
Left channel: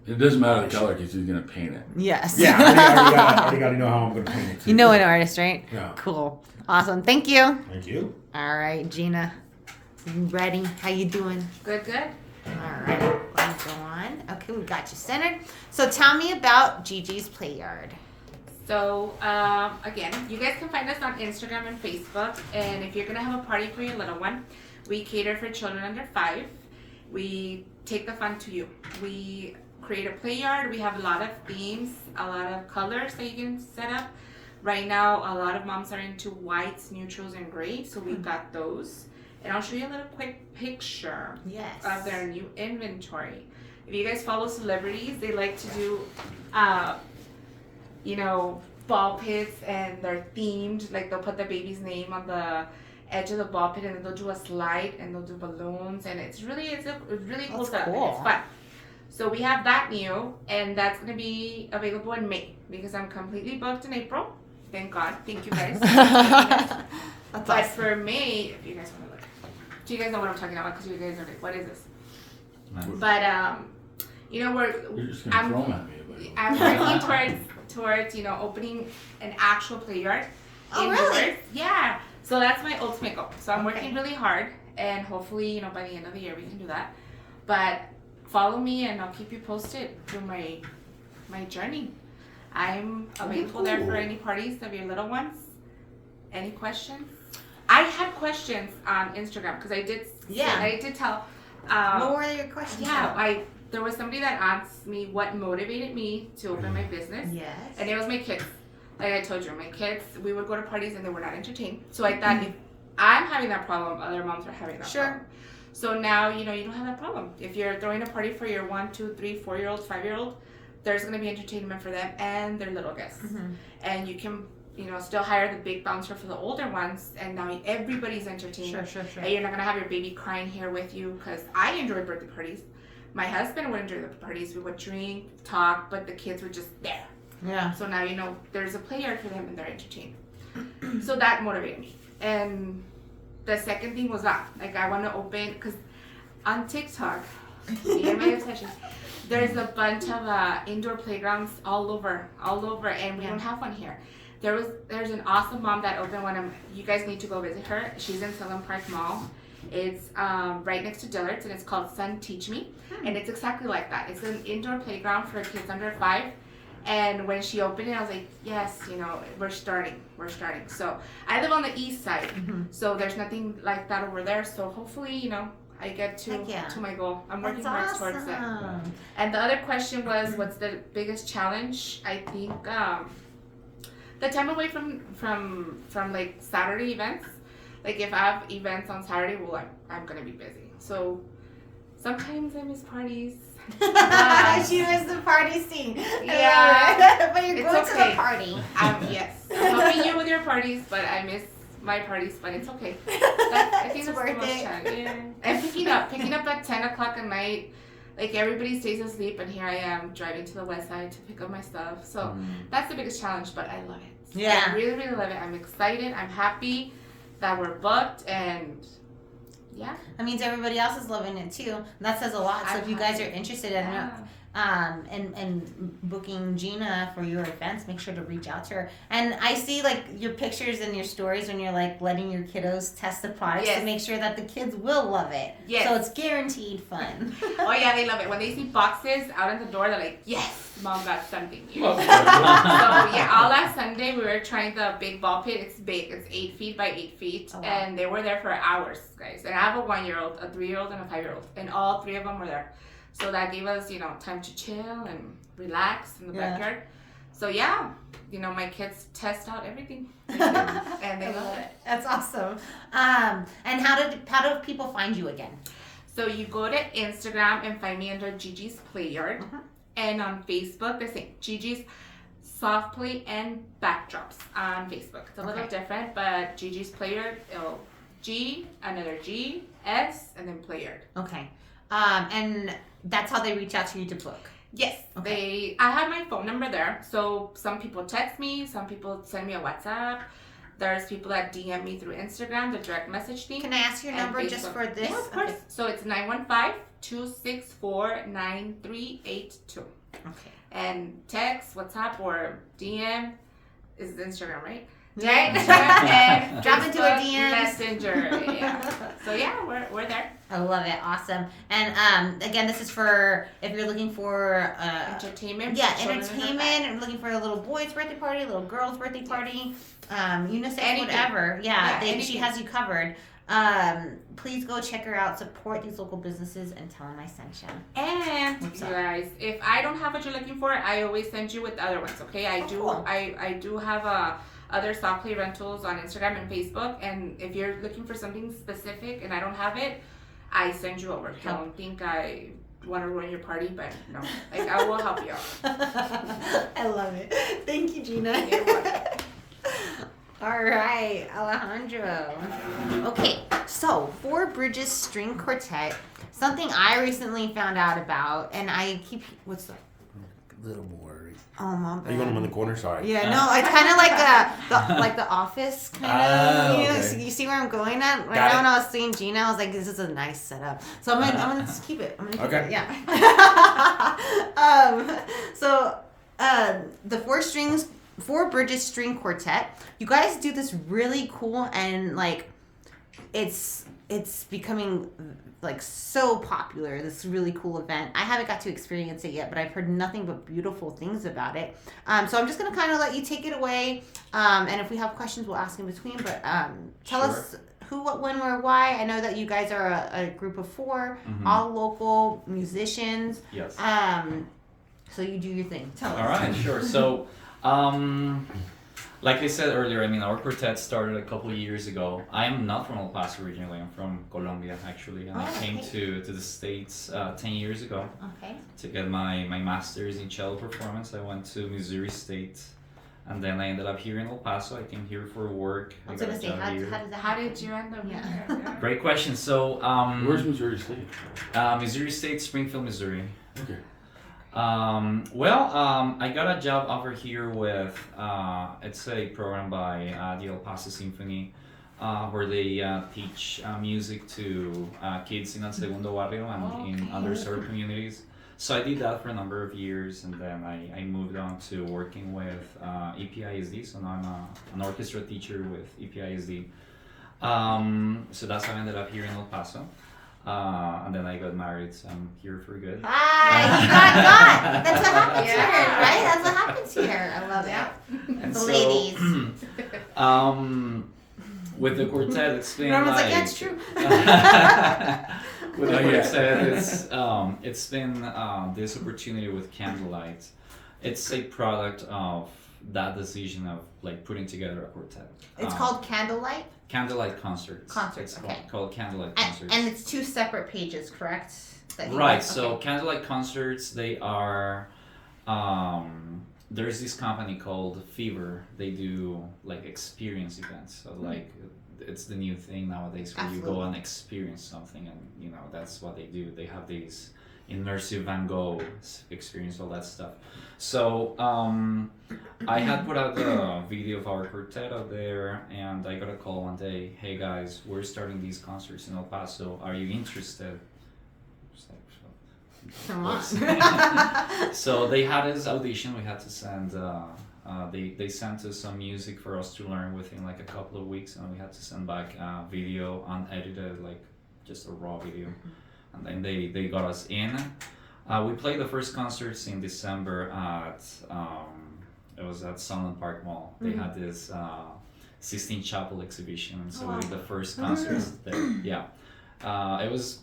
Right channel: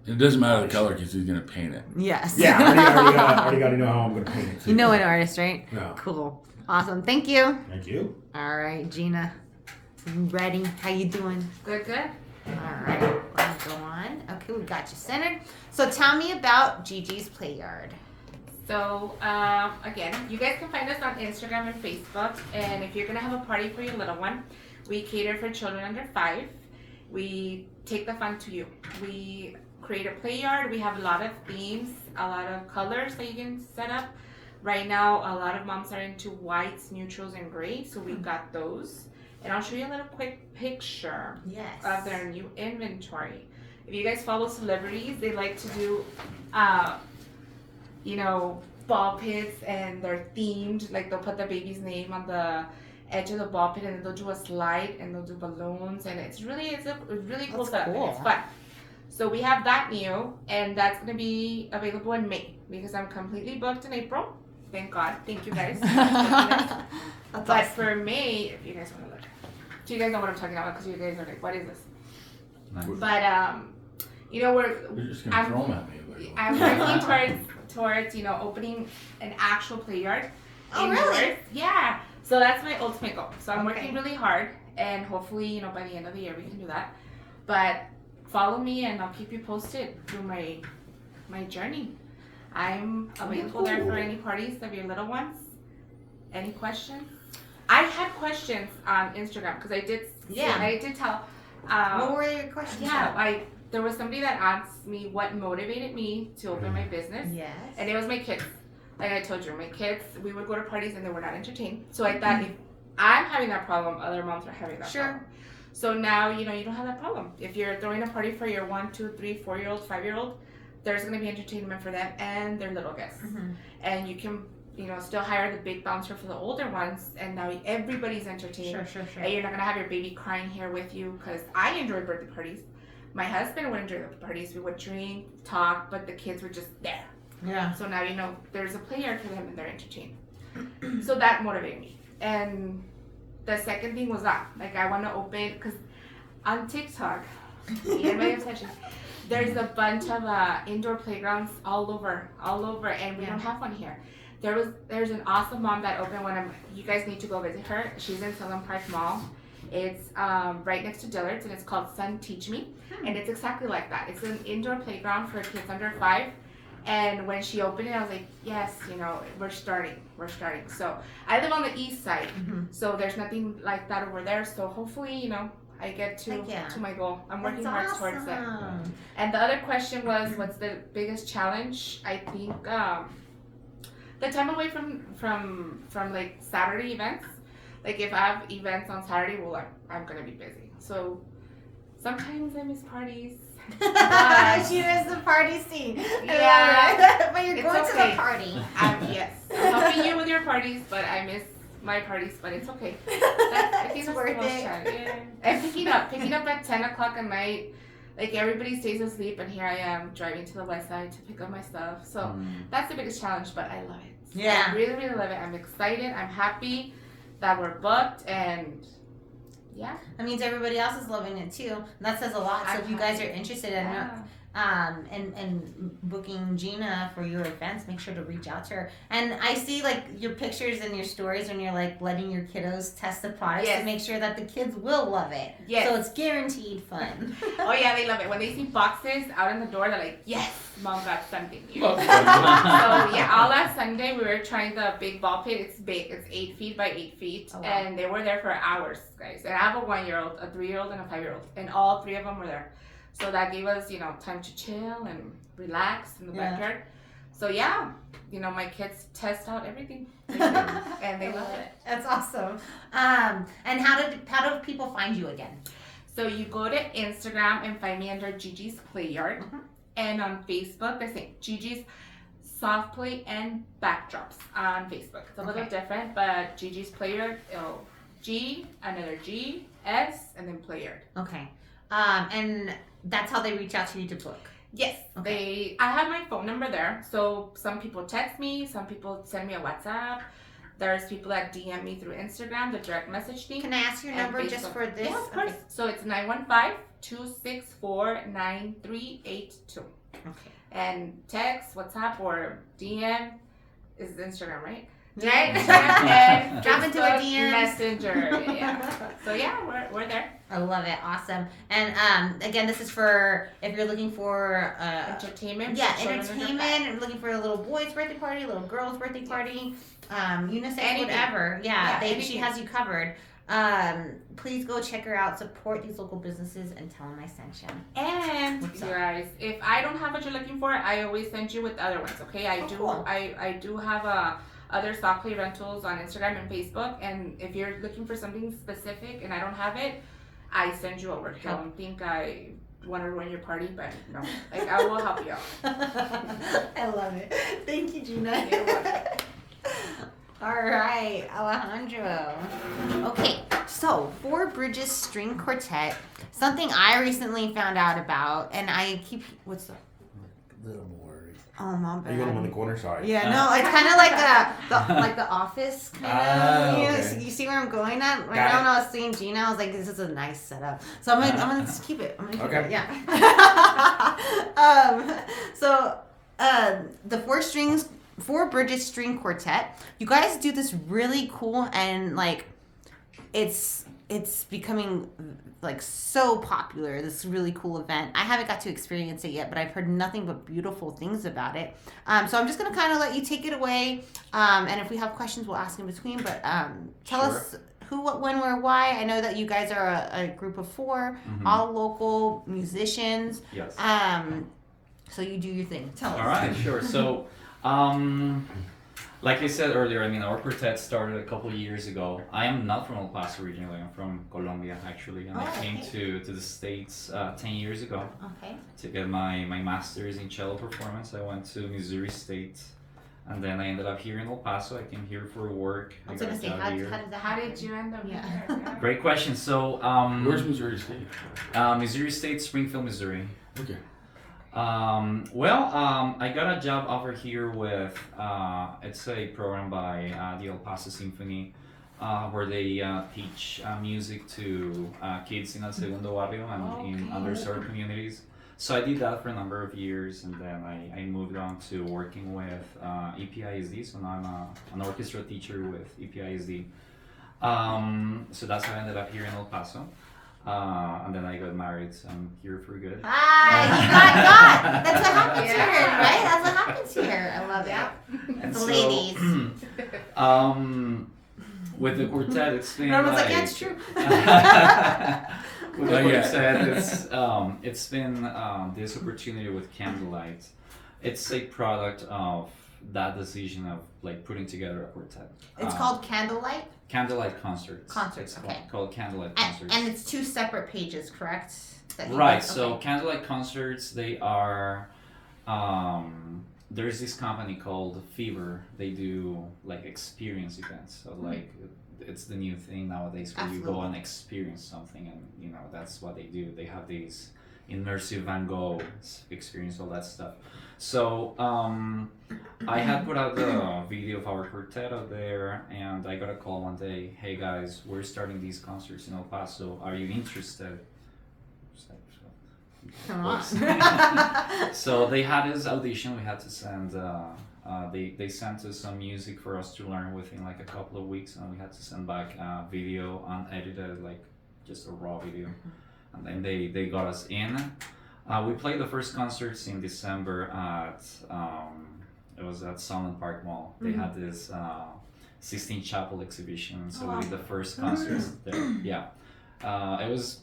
It doesn't matter the color because he's gonna paint it. Yes. Yeah, I already got to know how I'm going to paint it. Too. You know an artist, right? No. Cool. Awesome. Thank you. Thank you. All right, Gina. You ready? How you doing? Good, good. All right. Let me go on. Okay, we got you centered. So tell me about Gigi's PlayYard. So, again, you guys can find us on Instagram and Facebook. And if you're going to have a party for your little one, we cater for children under 5. We take the fun to you. We create a PlayYard. We have a lot of themes, a lot of colors that you can set up. Right now, a lot of moms are into whites, neutrals, and grays. So we've got those. And I'll show you a little quick picture Yes. of their new inventory. If you guys follow celebrities, they like to do, ball pits, and they're themed. Like they'll put the baby's name on the edge of the ball pit, and then they'll do a slide, and they'll do balloons, and it's really cool That's stuff. cool. And it's fun. So we have that new, and that's gonna be available in May because I'm completely booked in April. Thank God. Thank you guys. That's But awesome. for May, if you guys want to look, do you guys know what I'm talking about? Because you guys are like, what is this? Nice. But You're just gonna I'm throw them at me. I'm working towards opening an actual PlayYard. Oh, indoors. really? Yeah. So that's my ultimate goal. So I'm Okay. working really hard, and hopefully by the end of the year we can do that. But follow me, and I'll keep you posted through my journey. I'm available there for any parties of your little ones. Any questions? I had questions on Instagram because I did tell. What were your questions? Yeah, there was somebody that asked me what motivated me to open my business, Yes. and it was my kids. Like I told you, my kids, we would go to parties and they were not entertained. So I thought if I'm having that problem, other moms are having that problem. So now, you don't have that problem. If you're throwing a party for your 1, 2, 3, 4-year-old, 5-year-old, there's going to be entertainment for them and their little guests. Mm-hmm. And you can, still hire the big bouncer for the older ones, and now everybody's entertained. Sure. And you're not going to have your baby crying here with you, because I enjoy birthday parties. My husband would enjoy the parties. We would drink, talk, but the kids were just there. Yeah. So now there's a PlayYard for them and they're entertained. So that motivated me. And the second thing was that, I want to open, because on TikTok, see, my obsession, there's a bunch of indoor playgrounds all over, and we don't have one here. There's an awesome mom that opened one. You guys need to go visit her. She's in SoftPlay Mall. It's right next to Dillard's, and it's called Sun Teach Me, and it's exactly like that. It's an indoor playground for kids under 5. And when she opened it, I was like, yes, we're starting. So I live on the east side, so there's nothing like that over there. So hopefully, I get to my goal. I'm working hard towards that. And the other question was, what's the biggest challenge? I think the time away from like Saturday events. Like if I have events on Saturday, I'm gonna be busy. So sometimes I miss parties. But- She was the party scene. Yeah. But you're It's going to okay. the party. Yes, I'm helping you with your parties, but I miss my parties, but it's okay. I think It's that's worth the most it. challenge. Yeah. And picking up at 10 o'clock at night, like everybody stays asleep, and here I am driving to the west side to pick up my stuff. So that's the biggest challenge, but I love it. Yeah. I really, really love it. I'm excited. I'm happy that we're booked, and yeah. That means everybody else is loving it too. That says a lot. So if you guys are interested in and booking Gina for your events, make sure to reach out to her. And I see like your pictures and your stories when you're like letting your kiddos test the products Yes. to make sure that the kids will love it. Yes. So it's guaranteed fun. Oh yeah, they love it. When they see boxes out in the door, they're like, "Yes, mom got something new." Oh, So yeah, all last Sunday we were trying the big ball pit. It's big. It's 8 feet by 8 feet, Oh, wow. and they were there for hours, guys. And I have a 1-year-old, a 3-year-old, and a 5-year-old, and all 3 of them were there. So that gave us, time to chill and relax in the Yeah. backyard. So yeah, my kids test out everything, and they I love love it. it. That's awesome. And how do people find you again? So you go to Instagram and find me under Gigi's PlayYard, and on Facebook the same, Gigi's SoftPlay and Backdrops on Facebook. It's a little Okay. different, but Gigi's PlayYard, G, another G, S, and then PlayYard. Okay. And that's how they reach out to you to book. Yes, Okay. I have my phone number there. So some people text me, some people send me a WhatsApp. There's people that DM me through Instagram, the direct message thing. Can I ask your And number just Facebook. for this? Yeah, of course. Okay. So it's 915-264-9382. Okay. And text, WhatsApp, or DM is Instagram, right? Right? And Drop into our Facebook DMs. Messenger. Yeah. So yeah, we're there. I love it. Awesome. And again, this is for if you're looking for Entertainment. yeah, for children and entertainment. Or looking for a little boy's birthday party, a little girl's birthday party, unisex, Anything. whatever. Yeah, she anything. has you covered. Please go check her out. Support these local businesses and tell them I sent you. And What's you up? guys, if I don't have what you're looking for, I always send you with other ones. Okay, I Oh, do. cool. I do have other SoftPlay rentals on Instagram and Facebook. And if you're looking for something specific and I don't have it, I send you over. Help. Don't think I want to ruin your party, but no, like I will help you out. I love it. Thank you, Gina. You're welcome. All right, Alejandro. Okay, so Four Bridges String Quartet, something I recently found out about, and I keep what's up? Little more. Oh, my Are you got them on bad. the corner? Sorry. Yeah, no, it's kind of like the Office kind of. Okay. So you see where I'm going at right Got now. it. When I was seeing Gina, I was like, "This is a nice setup." So I'm gonna just keep it. I'm gonna keep Okay. it. Yeah. So the Four Bridges String Quartet. You guys do this really cool and like, it's becoming like so popular. This really cool event. I haven't got to experience it yet, but I've heard nothing but beautiful things about it. So I'm just gonna kind of let you take it away. And if we have questions, we'll ask in between. But tell Sure. us who, what, when, where, why. I know that you guys are a group of 4, all local musicians. Yes. So you do your thing. Tell us. All right, sure. So, like I said earlier, I mean, our quartet started a couple of years ago. I am not from El Paso originally. I'm from Colombia, actually, and I Oh, came okay. to the States 10 years ago Okay. to get my master's in cello performance. I went to Missouri State, and then I ended up here in El Paso. I came here for work. I was got gonna a say, job how here. does that How happen? did you end up Yeah. here? Great question. So, Where's Missouri State? Missouri State, Springfield, Missouri. Okay. I got a job offer here with it's a program by the El Paso Symphony where they teach music to kids in El Segundo Barrio and in underserved communities. So I did that for a number of years, and then I moved on to working with EPISD. So now I'm an orchestra teacher with EPISD. So that's how I ended up here in El Paso. And then I got married, so I'm here for good. Ah, you got God. That's what happens Yeah. here, right? That's what happens here. I love Yeah. it. And The so, ladies. with the quartet, it's been Roman's like, like, yeah, it's true. with the Oh, yeah. quartet, it's been this opportunity with Candlelight. It's a product of that decision of like putting together a quartet. It's called Candlelight Candlelight Concerts. Concerts. It's Okay. called Candlelight Concerts. and it's 2 separate pages, correct? that you Right. guys- So okay. Candlelight Concerts, they are. There's this company called Fever. They do like experience events. So like it's the new thing nowadays where you go Absolutely. and experience something, and that's what they do. They have these immersive Van Gogh experience, all that stuff. So I had put out the video of our quartet out there, and I got a call one day. Hey guys, we're starting these concerts in El Paso. Are you interested? Just like, Come on. so they had this audition. We had to send. They sent us some music for us to learn within like a couple of weeks, and we had to send back video unedited, like just a raw video, and then they got us in. We played the first concerts in December at it was at Sunland Park Mall. They had this Sistine Chapel exhibition, so we did the first concerts there. Yeah, it was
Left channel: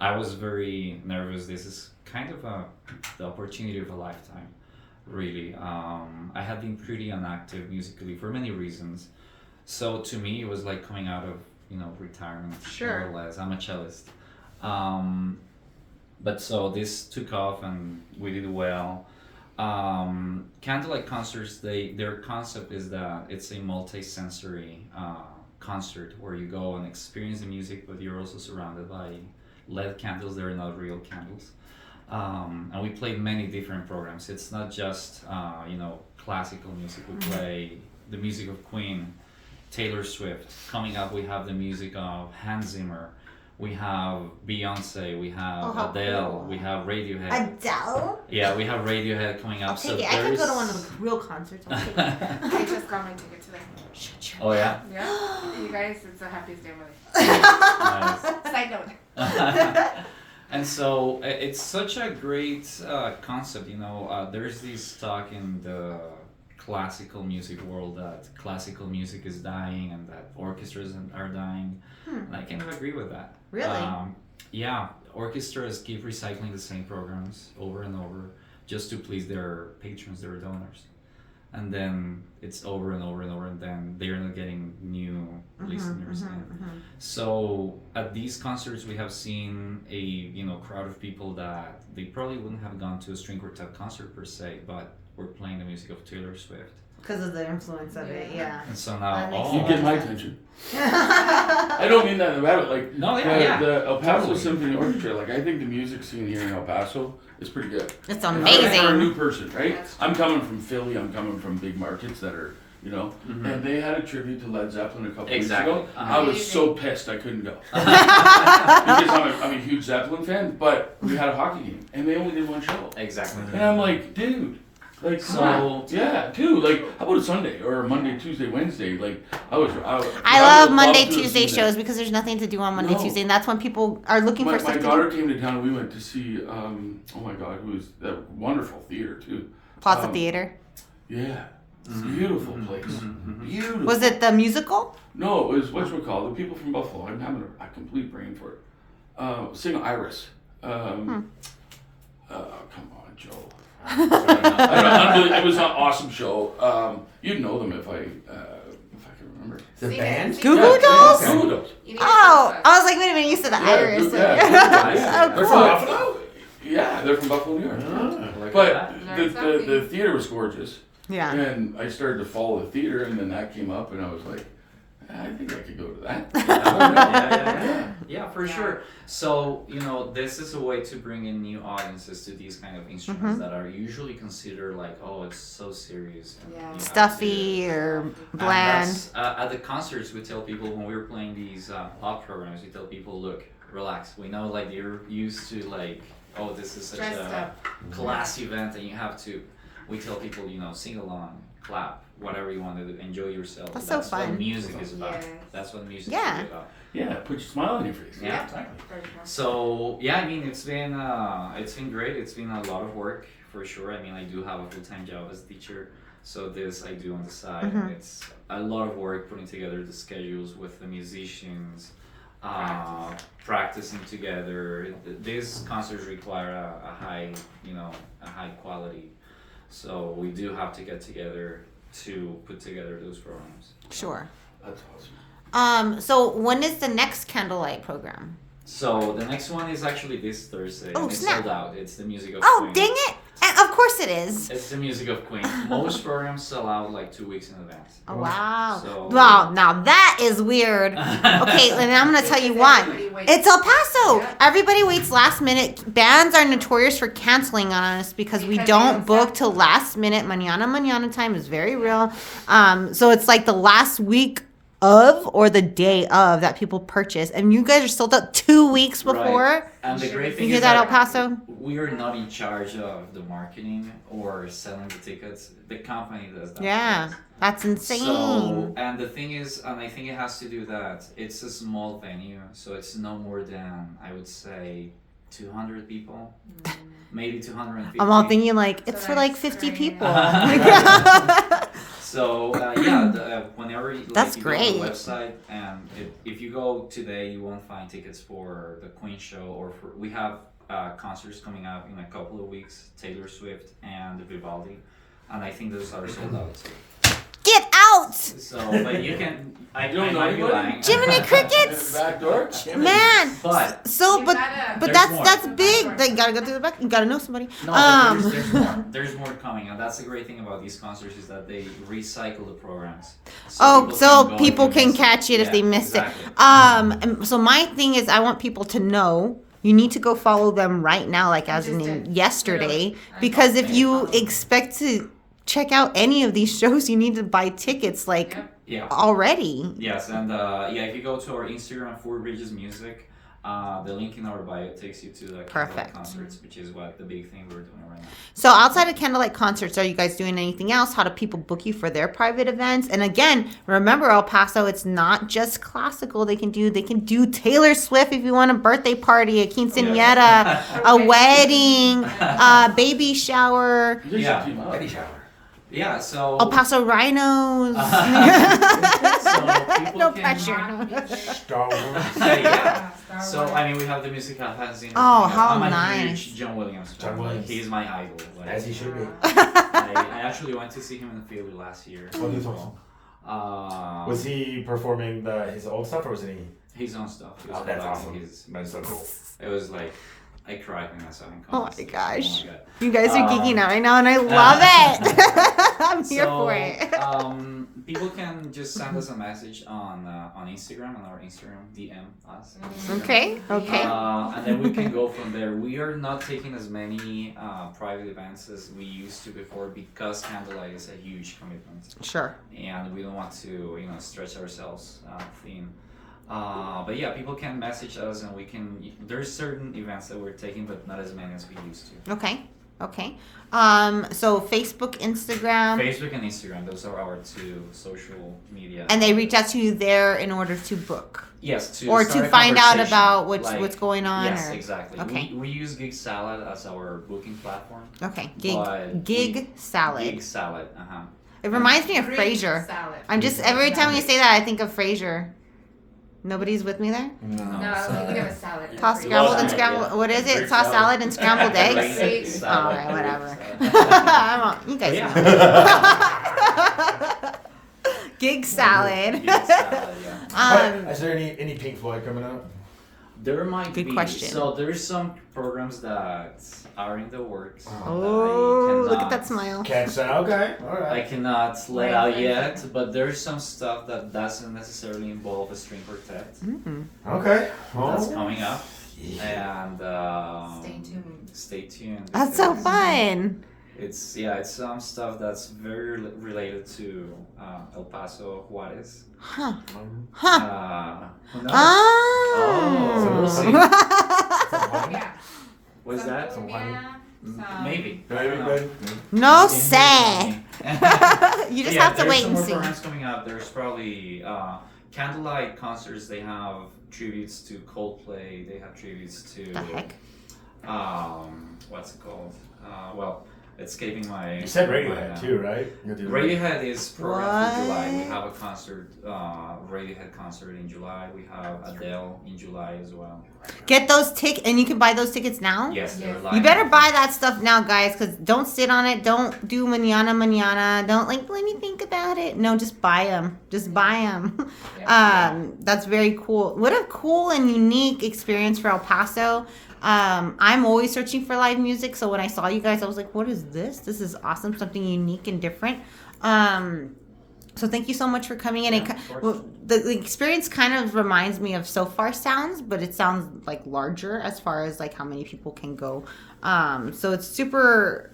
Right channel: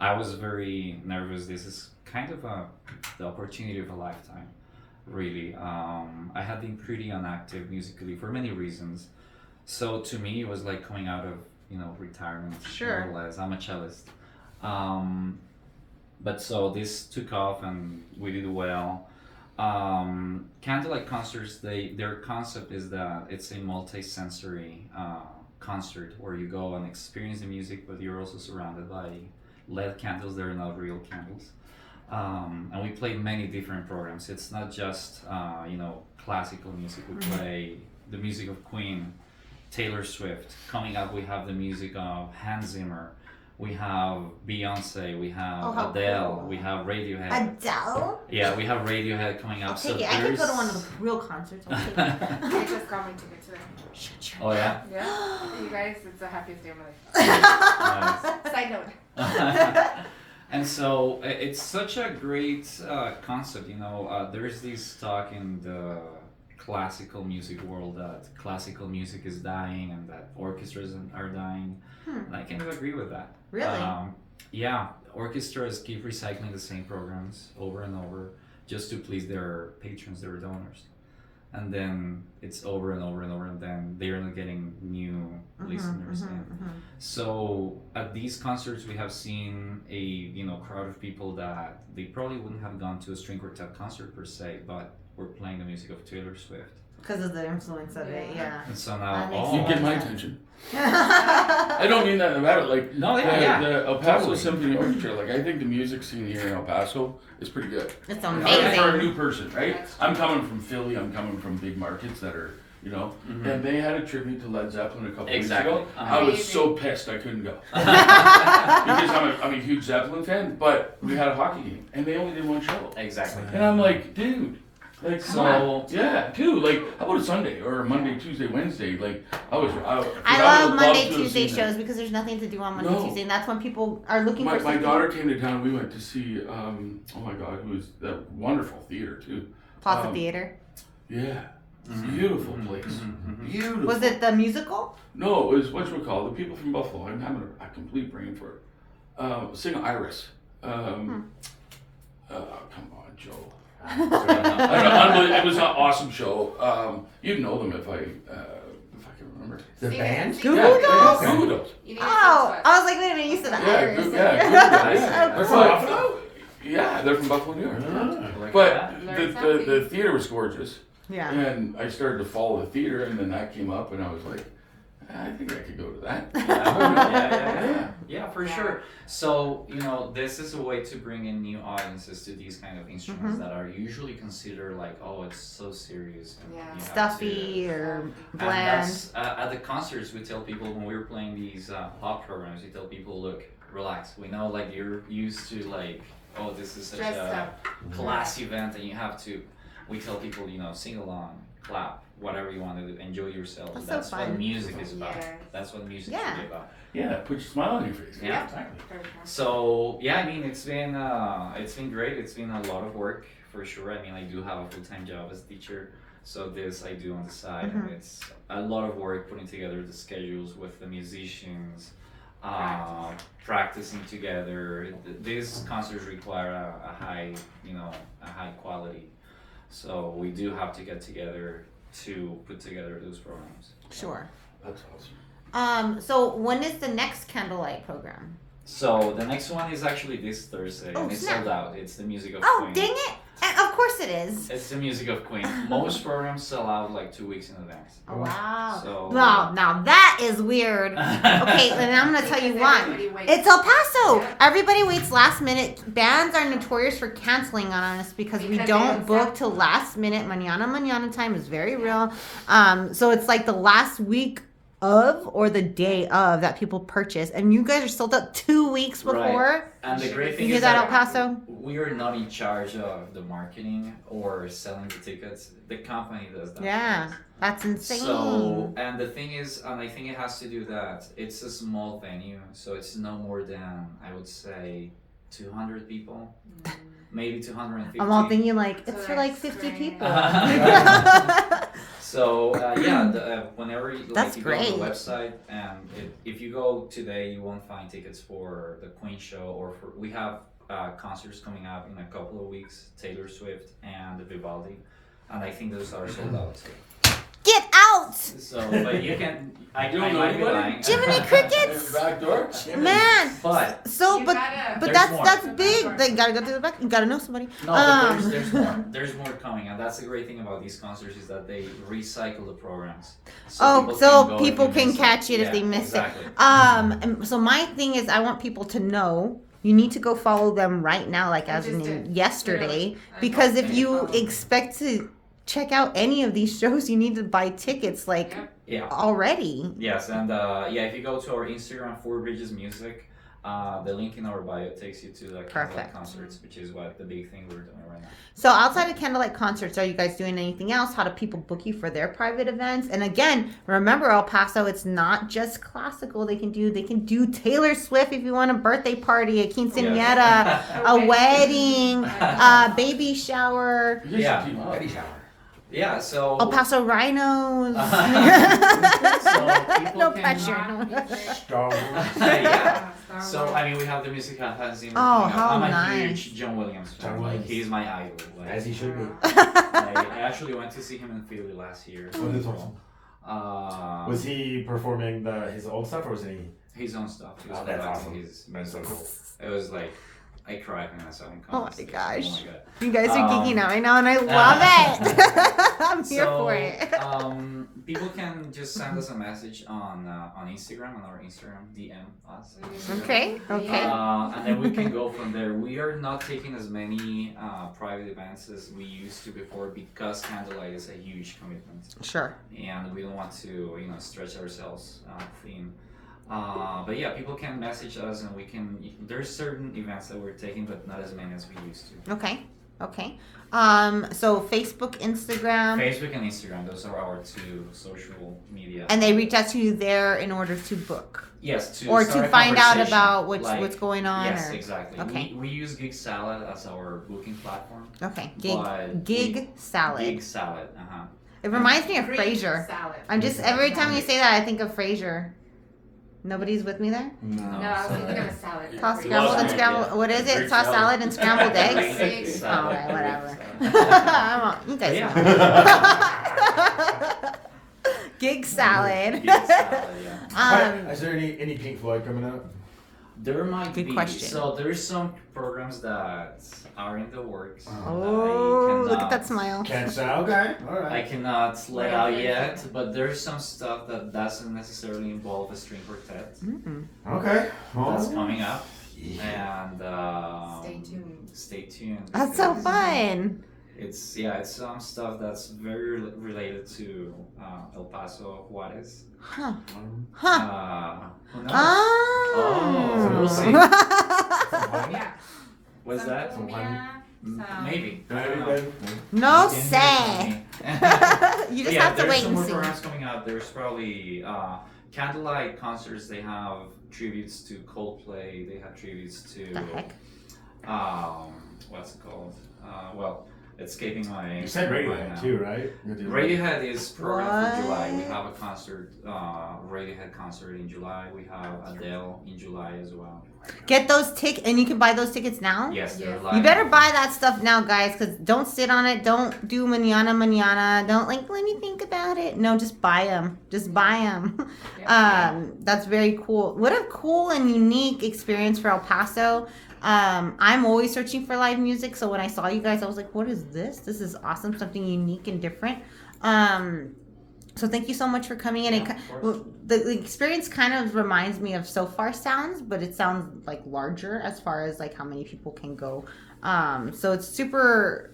I was very nervous. This is kind of the opportunity of a lifetime, really. I had been pretty inactive musically for many reasons. So to me, it was like coming out of, retirement, Sure. more or less. I'm a cellist. But so this took off and we did well. Candlelight Concerts, their concept is that it's a multi-sensory concert where you go and experience the music, but you're also surrounded by LED candles. They're not real candles. And we play many different programs. It's not just classical music. We play the music of Queen, Taylor Swift. Coming up, we have the music of Hans Zimmer. We have Beyonce. We have how Adele. cool. We have Radiohead. Adele? Yeah, we have Radiohead coming up. I'll take it. I can go to one of the real concerts. I'll take it. I just got my ticket today. Shut your Oh yeah. Yeah. You guys, it's the happiest day of my life. Nice. Side note. And so it's such a great concept, there's this talk in the classical music world that classical music is dying and that orchestras are dying. And I kind of agree with that. Really? Yeah, orchestras keep recycling the same programs over and over just to please their patrons, their donors. And then it's over and over and over, and then they're not getting new listeners in. So at these concerts, we have seen a crowd of people that they probably wouldn't have gone to a string quartet concert per se, but we're playing the music of Taylor Swift. Because of the influence of it, yeah. And so That makes now, You sense. get my attention. I don't mean that about it. Like No, yeah, the El Paso totally. Symphony Orchestra. Like I think the music scene here in El Paso is pretty good. It's For a amazing. new person, right? I'm coming from Philly. I'm coming from big markets that are, and they had a tribute to Led Zeppelin a couple Exactly. weeks ago. Uh-huh. I was so pissed I couldn't go because I'm a huge Zeppelin fan. But we had a hockey game and they only did one show, exactly. and I'm like, dude. Like So- yeah, dude. Like, how about a Sunday or a Monday, Tuesday, Wednesday? Like, I would love Monday, to have Tuesday seen that. shows because there's nothing to do on Monday, No. Tuesday, and that's when people are looking My for stuff to daughter do. came to town and we went to see, oh my God, who was a wonderful theater too. Plaza Theater. Yeah, beautiful place. Beautiful. Was it the musical? No, it was whatchamacallit, the people from Buffalo. I'm having a complete brain for it. Sing Iris. Come on, Joe. I don't know, it was an awesome show. You'd know them if I can remember. The band? Goo Goo Yeah, Dolls? Goo Goo Dolls. Oh, I was like, wait a minute, you said the Yeah, Iris. Goo- yeah, Goo Goo Dolls, yeah. Oh, They're cool. from Buffalo? Yeah, they're from Buffalo, New York. Like But that. the theater was gorgeous. Yeah. And I started to follow the theater, and then that came up, and I was like, I think I could go to that. Yeah, for sure. So, this is a way to bring in new audiences to these kind of instruments that are usually considered like, oh, it's so serious. And Yeah. you have Stuffy or And bland. that's, at the concerts, we tell people when we were playing these pop programs, we tell people, look, relax. We know like you're used to like, oh, this is such Dressed a up. class event, and you have to. We tell people, sing along, clap, whatever you want to do, enjoy yourself. That's so That's what fun. music is about. Yes. That's what music Yeah. is about. Yeah, put your smile on your face. Yeah. So yeah, I mean it's been great. It's been a lot of work for sure. I mean I do have a full-time job as a teacher, so this I do on the side, and it's a lot of work putting together the schedules with the musicians, practicing together. These concerts require a high quality, so we do have to get together to put together those programs. Sure. That's awesome. So when is the next Candlelight program? So the next one is actually this Thursday, Oh, and it's snap. sold out. It's the music of Oh, Queen. dang it! Of course it is. It's the music of Queen. Most programs sell out like 2 weeks in advance. Oh, wow. So- Wow, now that is weird. Okay, and I'm gonna tell you why. Everybody waits. It's El Paso. Yeah. Everybody waits last minute. Bands are notorious for canceling on us because we Because they don't don't book sell. till last minute. Manana time is very real. So it's like the last week of or the day of that people purchase, and you guys are sold out 2 weeks before. Right. And the great thing You hear is that, El that Paso? we are not in charge of the marketing or selling the tickets. The company does that. Yeah, for us. that's insane. So, and the thing is, and I think it has to do that it's a small venue, so it's no more than, I would say, 200 people, maybe 250. I'm all thinking like So it's for like that's 50 great. people. So yeah, whenever like, That's you go on the great. website, and if you go today, you won't find tickets for the Queen show, or for we have concerts coming up in a couple of weeks, Taylor Swift and Vivaldi, and I think those are sold out too. Get out, So, but you can, I don't know might be anybody? lying. Jiminy Crickets! Back door. Jimmy. Man. But So, You but gotta- but There's more. that's big. They gotta go through the back. You gotta know somebody. no, but Um, there's more. There's more coming, and that's the great thing about these concerts is that they recycle the programs. Oh, so go people if you can miss catch it if Yeah, they miss exactly. it. And so my thing is, I want people to know. You need to go follow them right now, like as just in did. yesterday, I because if follow you them. expect to check out any of these shows, you need to buy tickets like Yep. Yeah. already. Yes, and yeah, if you go to our Instagram, Four Bridges Music, the link in our bio takes you to the Candlelight Perfect. Concerts, which is what the big thing we're doing right now. So outside of Candlelight Concerts, are you guys doing anything else? How do people book you for their private events? And again, remember El Paso, it's not just classical. They can do Taylor Swift if you want a birthday party, a quinceañera, a wedding, a baby shower, You guys Yeah. should team up. Wedding shower. Yeah, so El Paso Rhinos. So people No can- pressure. Star Wars. yeah. Star So Wars. I mean, we have the music fanzine. Oh, coming up. how I'm a nice. huge John Williams fan. John Like, Williams. he's my idol. Like, As he should be. I actually went to see him in Philly last year. Oh, that's awesome. Was he performing his old stuff, or was he? His own stuff. He was Oh, that's collecting awesome. his- That's so cool. It was like, I cried when I saw him. Oh come my on stage. gosh. Oh my God. You guys are geeking out right now, and I love it. I'm here for it. People can just send us a message on Instagram, on our Instagram, DM us. on Mm-hmm. Instagram. Okay, okay. And then we can go from there. We are not taking as many private events as we used to before because Candlelight is a huge commitment, Sure. and we don't want to, stretch ourselves thin. But yeah, people can message us, and we can. There's certain events that we're taking, but not as many as we used to. Okay. Okay. So Facebook, Instagram, Facebook and Instagram, those are our two social media. and they reach out to you there in order to book Yes, or start to a find out conversation, about like- what's going on. Yes, or, exactly. Okay. We use Gig Salad as our booking platform. Okay. But Gig salad. Gig Salad, It reminds me of Greek Frasier. salad. I'm just every time you say that, I think of Frasier. Nobody's with me there. No, I was thinking of a salad. Tossed Greek scrambled and salad. scrambled. What is it? Greek Tossed salad and scrambled eggs. Gig All Salad. right, whatever. Gig Salad. I'm on, you guys Yeah. know. Gig salad. Gig Salad, yeah. Is there any Pink Floyd coming up? There might Good be. question. So there's some programs that are in the works. Oh, that I look at that cannot- smile. Catch that. Okay. All I right. cannot let out yet, but there's some stuff that doesn't necessarily involve a string quartet Okay. that's Well, coming up, yeah. and Stay tuned. Stay tuned. That's so because fun. It's some stuff that's very related to El Paso, Juarez. Huh. Huh. Who knows? Oh. we'll see. Yeah. Was Some that? cumbia, some- Maybe. I don't Maybe, know. maybe. No It's in say. here for me. You just Yeah, have to there's wait some and more see. programs coming out. There's probably Candlelight Concerts. They have tributes to Coldplay. They have tributes to The heck? what's it called? Well, escaping my. You said my Radiohead mind too, right? You're doing- Radiohead is programmed for July. We What? have a concert, Radiohead concert in July. We have Adele in July as well. Get those tickets, and you can buy those tickets now. Yes, they're Yes. live. You better buy that stuff now, guys, because don't sit on it. Don't do manana. Don't like, let me think about it. No, just buy them. Just buy them. That's very cool. What a cool and unique experience for El Paso. I'm always searching for live music. So when I saw you guys, I was like, what is this? This is awesome. Something unique and different. So thank you so much for coming in. Yeah, of course. Well, the experience kind of reminds me of So Far Sounds, but it sounds like larger as far as like how many people can go. So it's super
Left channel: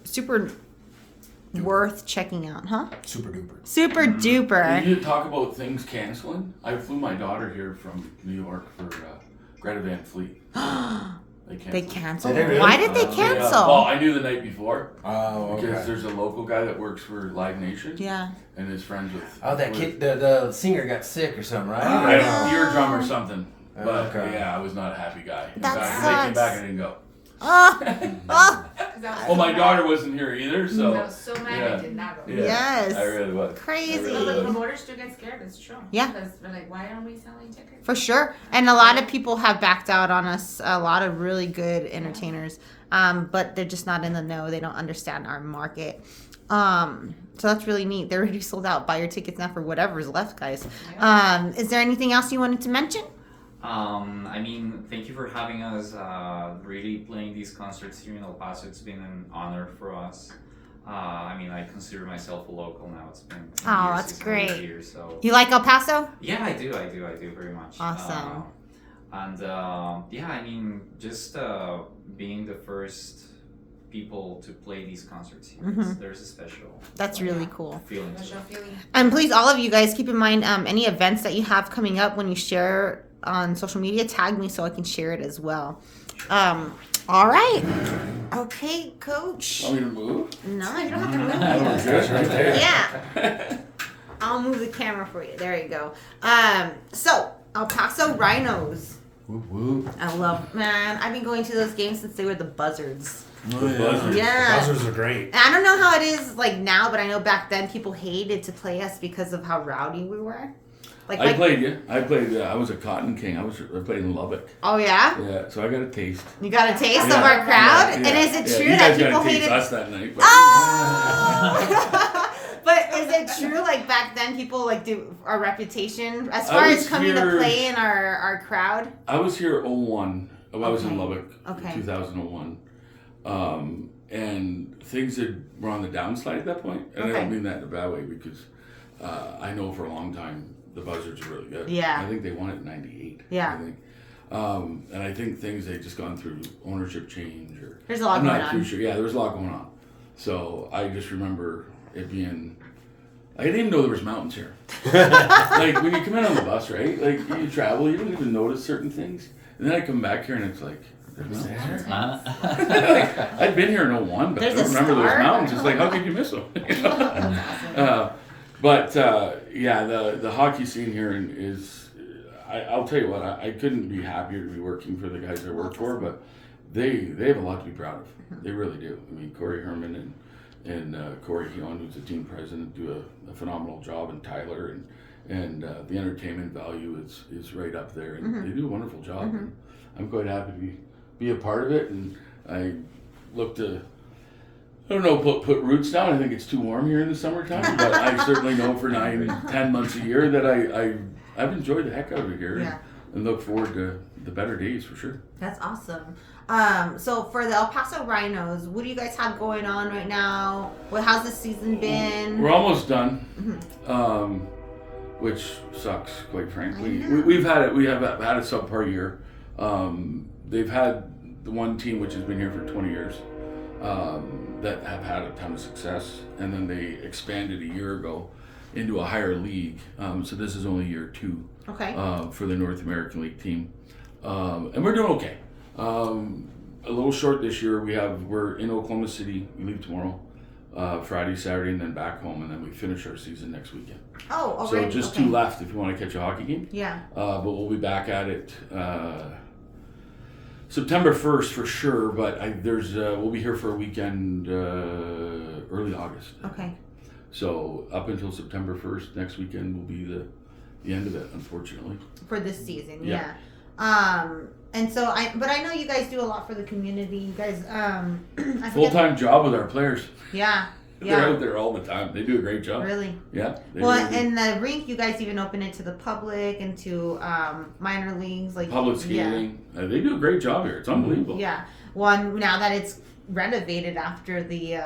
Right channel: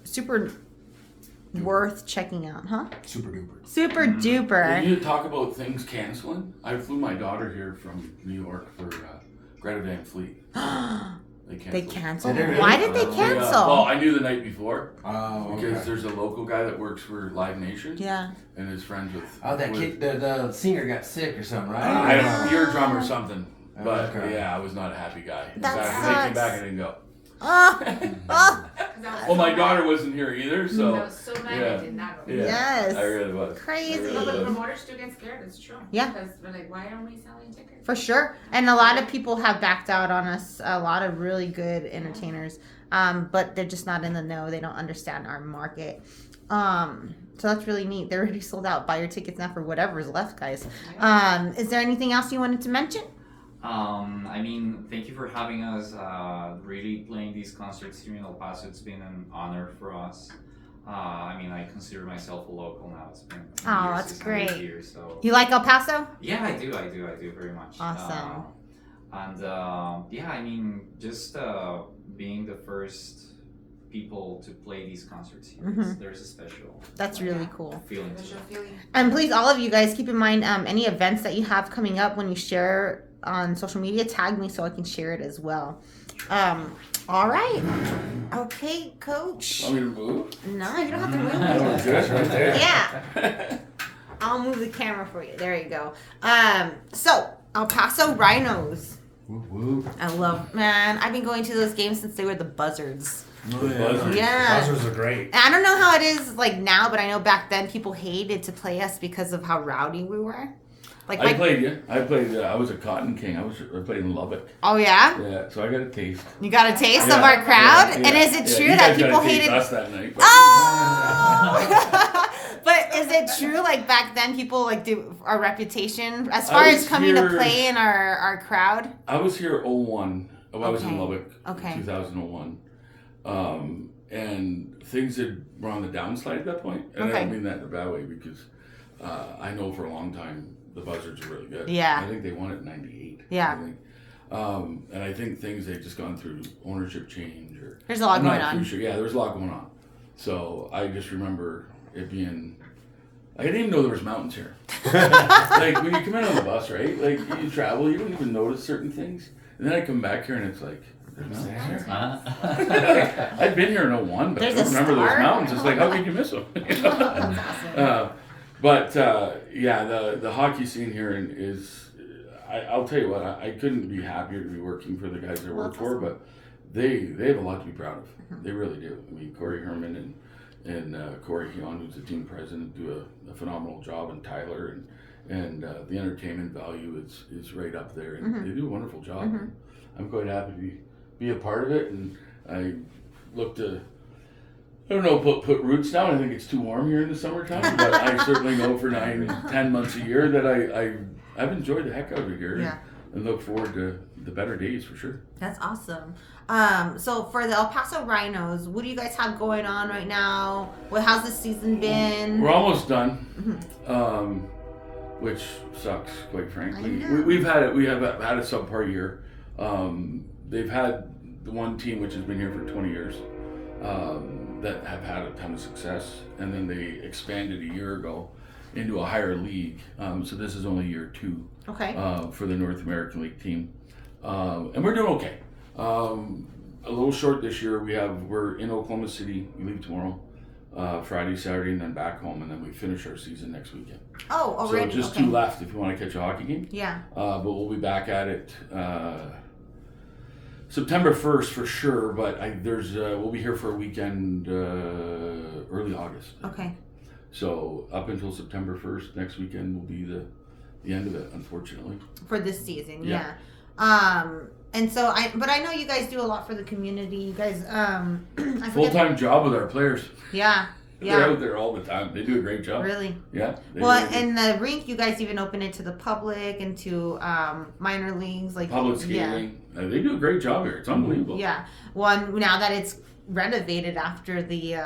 worth checking out, huh? Super duper. Super When duper. you talk about things canceling, I flew my daughter here from New York for Greta Van Fleet. They canceled. Did they really? Why did they Well, cancel? I knew the night before Oh, because okay. there's a local guy that works for Live Nation Yeah. and is friends with. Oh, that with- kid, the singer got sick or something, right? I Yeah. don't eardrum or something. But Okay. yeah, I was not a happy guy. In That fact, when they came sucks. back, I didn't go. Oh, oh, Well, my daughter wasn't here either, I so was so mad yeah. I did not go. yeah, Yes. I really was. Crazy. I No, really but was. promoters do get scared. It's true. Yeah. Because they're like, why aren't we selling tickets? For sure. And a lot of people have backed out on us. A lot of really good entertainers. But they're just not in the know. They don't understand our market. So that's really neat. They're already sold out. Buy your tickets now for whatever's left, guys. Is there anything else you wanted to mention? I mean, thank you for having us. Really playing these concerts here in El Paso. It's been an honor for us. I mean, I consider myself a local now. It's been Oh, that's 600 great. years, so You like El Paso? yeah, I do very much. Awesome. Yeah, I mean, just being the first people to play these concerts here, there's a special. That's really cool. Feeling to Special it. feeling. And please, all of you guys, keep in mind any events that you have coming up when you share on social media, tag me so I can share it as well. All right. Okay, Coach. Want me to move? No, you don't have to move. Oh, we're good. Right there. Yeah. I'll move the camera for you. There you go. So El Paso Rhinos. Whoop, whoop. I love, man. I've been going to those games since they were the Buzzards. The buzzers. Yeah. Buzzers are great. And I don't know how it is like now, but I know back then people hated to play us because of how rowdy we were. Like, I played you. I played. I was a Cotton King. I played in Lubbock. Oh yeah, Yeah, so I got a taste. you got a taste of Yeah, our crowd. yeah, And yeah. is it Yeah, true you that guys got people a taste hated? us that night? But Oh! But is it true like back then people like do our reputation as far was as coming to here- play in our crowd? I was here 01. I was Okay. in Lubbock Okay. in 2001. And things were on the downslide at that point. And I Okay. don't mean that in a bad way because I know for a long time the Buzzards are really good. Yeah. I think they won it in 98. Yeah. I think. And I think things had just gone through ownership change or There's a lot I'm going not on. too sure. Yeah, there was a lot going on. So I just remember it being. I didn't even know there was mountains here. Like when you come in on the bus, right? Like you travel, you don't even notice certain things. And then I come back here and it's like, there's mountains here. Uh-huh. I'd been here in 01, but There's I don't a remember star? those mountains. It's like, how could you miss them? You know? That's awesome. Yeah, the hockey scene here is, I'll tell you what, I couldn't be happier to be working for the guys I work for, but they have a lot to be proud of. They really do. I mean, Corey Herman and Corey Heon, who's the team president, do a phenomenal job, and Tyler and the entertainment value is right up there, and they do a wonderful job. And I'm quite happy to be a part of it, and I look to, I don't know, put roots down. I think it's too warm here in the summertime, but I certainly know for 9-10 months a year that I've enjoyed the heck out of it here, Yeah. and look forward to the better days for sure. That's awesome. So for the El Paso Rhinos, what do you guys have going on right now? How's the season been? We're almost done, which sucks, quite frankly. I know. We have had a subpar year. They've had the one team which has been here for 20 years that have had a ton of success, and then they expanded a year ago into a higher league. So this is only year 2 Okay. for the North American League team, and we're doing okay. A little short this year. We're in Oklahoma City. We leave tomorrow, Friday, Saturday, and then back home, and then we finish our season next weekend. Oh, So already. just okay. 2 left if you want to catch a hockey game. Yeah. But we'll be back at it September 1st for sure, but we'll be here for a weekend early August. Okay. So up until September 1st, next weekend will be the end of it, unfortunately. For this season, Yeah. And so but I know you guys do a lot for the community. You guys, I forget- Full-time job with our players. Yeah. They're Yeah. out there all the time. They do a great job. Really. Yeah. They Well, really do. and the rink, you guys even open it to the public and to minor leagues, like Public skating. They do a great job here. It's unbelievable. Yeah. Well, now that it's renovated after the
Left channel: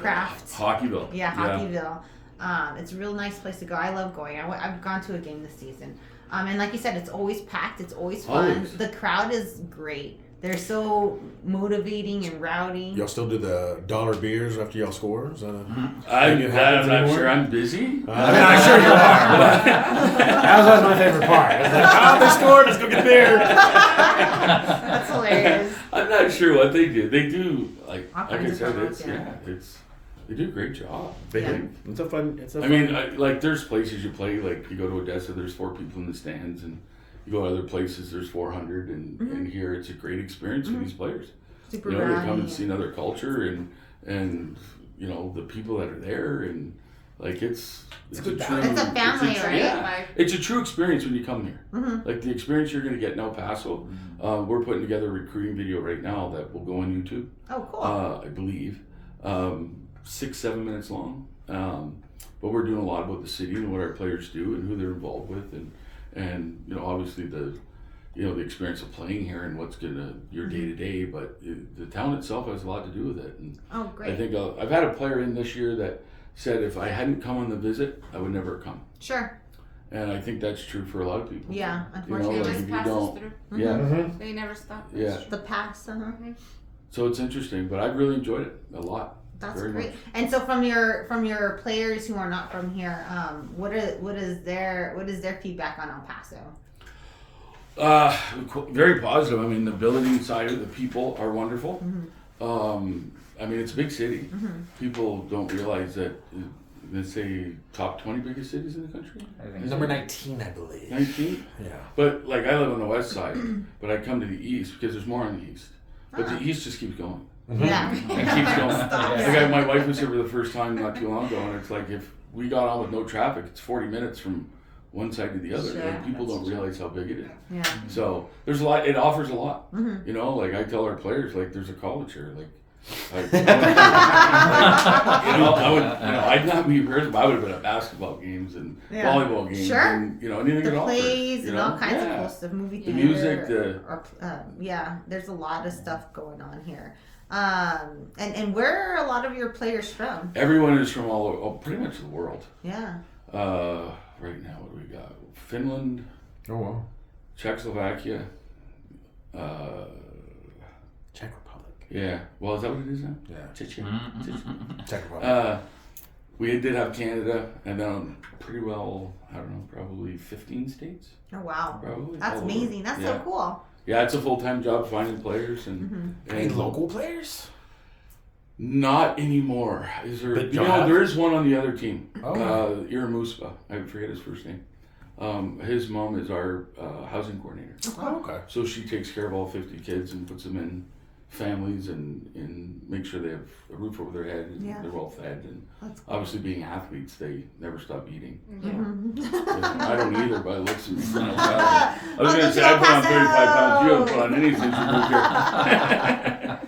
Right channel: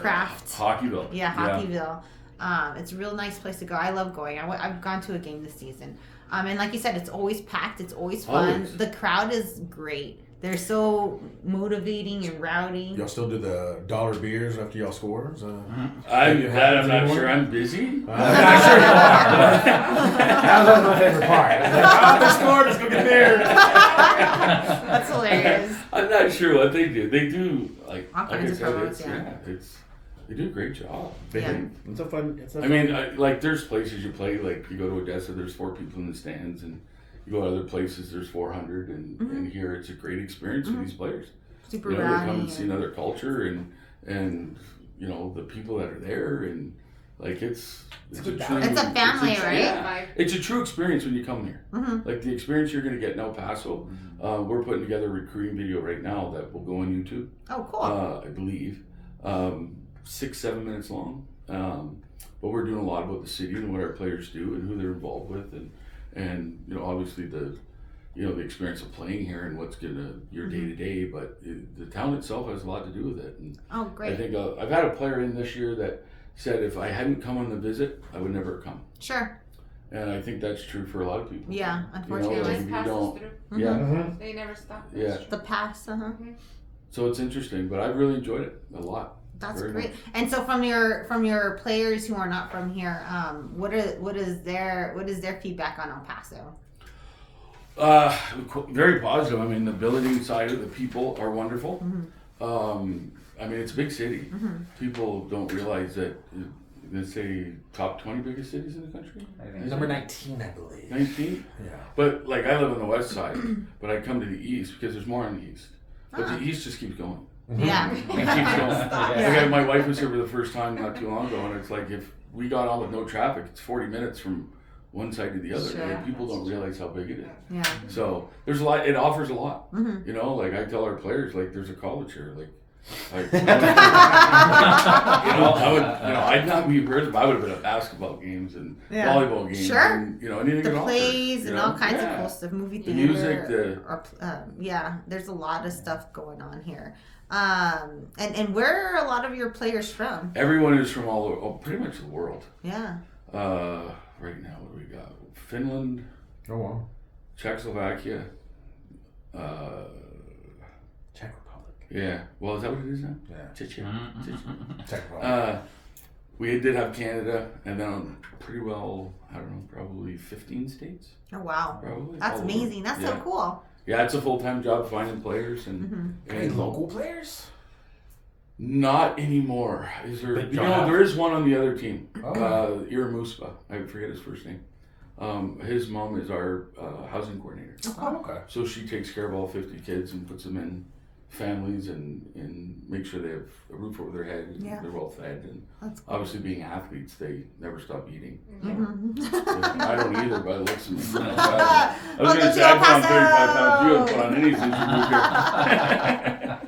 craft. Hockeyville. Yeah, Hockeyville. It's a real nice place to go. I love going. I've gone to a game this season. And like you said, it's always packed. It's always fun. Always. The crowd is great. They're so motivating and rowdy. Y'all still do the dollar beers after y'all score? Is that I'm not sure. I'm busy. I'm not sure you are. That was my favorite part. I was like, they scored. Let's go get beer. That's hilarious. I'm not sure what they do. They do like All I kinds of said, products, they do a great job. Yeah. It's a fun. I mean, like there's places you play, like you go to Odessa, there's 4 people in the stands, and you go to other places, there's 400, and here it's a great experience for these players. Super You know, they come rowdy and see another culture, and you know the people that are there, and like it's a true. It's a family, right? Yeah, it's a true experience when you come here. Mhm. Like the experience you're going to get in El Paso. We're putting together a recruiting video right now that will go on YouTube. Oh, cool. I believe 6-7 minutes long. But we're doing a lot about the city and what our players do and who they're involved with, and you know obviously the experience of playing here and what's your day to day. But the town itself has a lot to do with it. And Oh, great. I think I've had a player in this year that said if I hadn't come on the visit, I would never have come. Sure. And I think that's true for a lot of people. Yeah, You know, unfortunately. like Just if you passes don't, through. yeah, Mm-hmm. They never stop. yeah. The pass, So it's interesting, but I've really enjoyed it a lot. That's Very great. much. And so from your players who are not from here, what is their feedback on El Paso? Very positive. I mean, the building side of the people are wonderful. Mm-hmm. I mean, it's a big city. People don't realize that. Let's say top 20 biggest cities in the country. I think Number 19, I believe. 19. Yeah. But like I live on the west side, but I come to the east because there's more on the east. But the east just keeps going. Yeah. It keeps going. Like my wife was here for the first time not too long ago, and it's like if we got on with no traffic, it's 40 minutes from one side to the other. Sure. Like, people don't realize how big it is. Yeah. So there's a lot. It offers a lot. Mhm. You know, like I tell our players, like there's a college here. Like you know, I'd not be embarrassed if I would have been at basketball games and Yeah. volleyball games Sure. and anything The it offers. plays you and know? all kinds Yeah. of cool stuff, movie The theater. music, there's a lot of stuff going on here. And where are a lot of your players from? Everyone is from pretty much the world. Yeah. Right now, what do we got? Finland, Oh wow. Czechoslovakia. Czech Republic. Yeah. Well, is that what it is now? Yeah. Czech. Czech Republic. We did have Canada, and then pretty well, I don't know, probably 15 states. Oh wow. Probably. That's all over. amazing. That's Yeah. so cool. Yeah, it's a full-time job finding players and Any local players? Not anymore. Is there? Big You know, job. there is one on the other team. Oh. Iramuspa. I forget his first name. His mom is our housing coordinator. Oh, okay. So she takes care of all 50 kids and puts them in families and makes sure they have a roof over their head and Yeah. they're well fed. And That's cool. obviously, being athletes, they never stop eating. Mhm. I don't either, by the looks of me. I was Welcome going to say to I El put on 35 Paso. pounds. You haven't put on any since you moved here.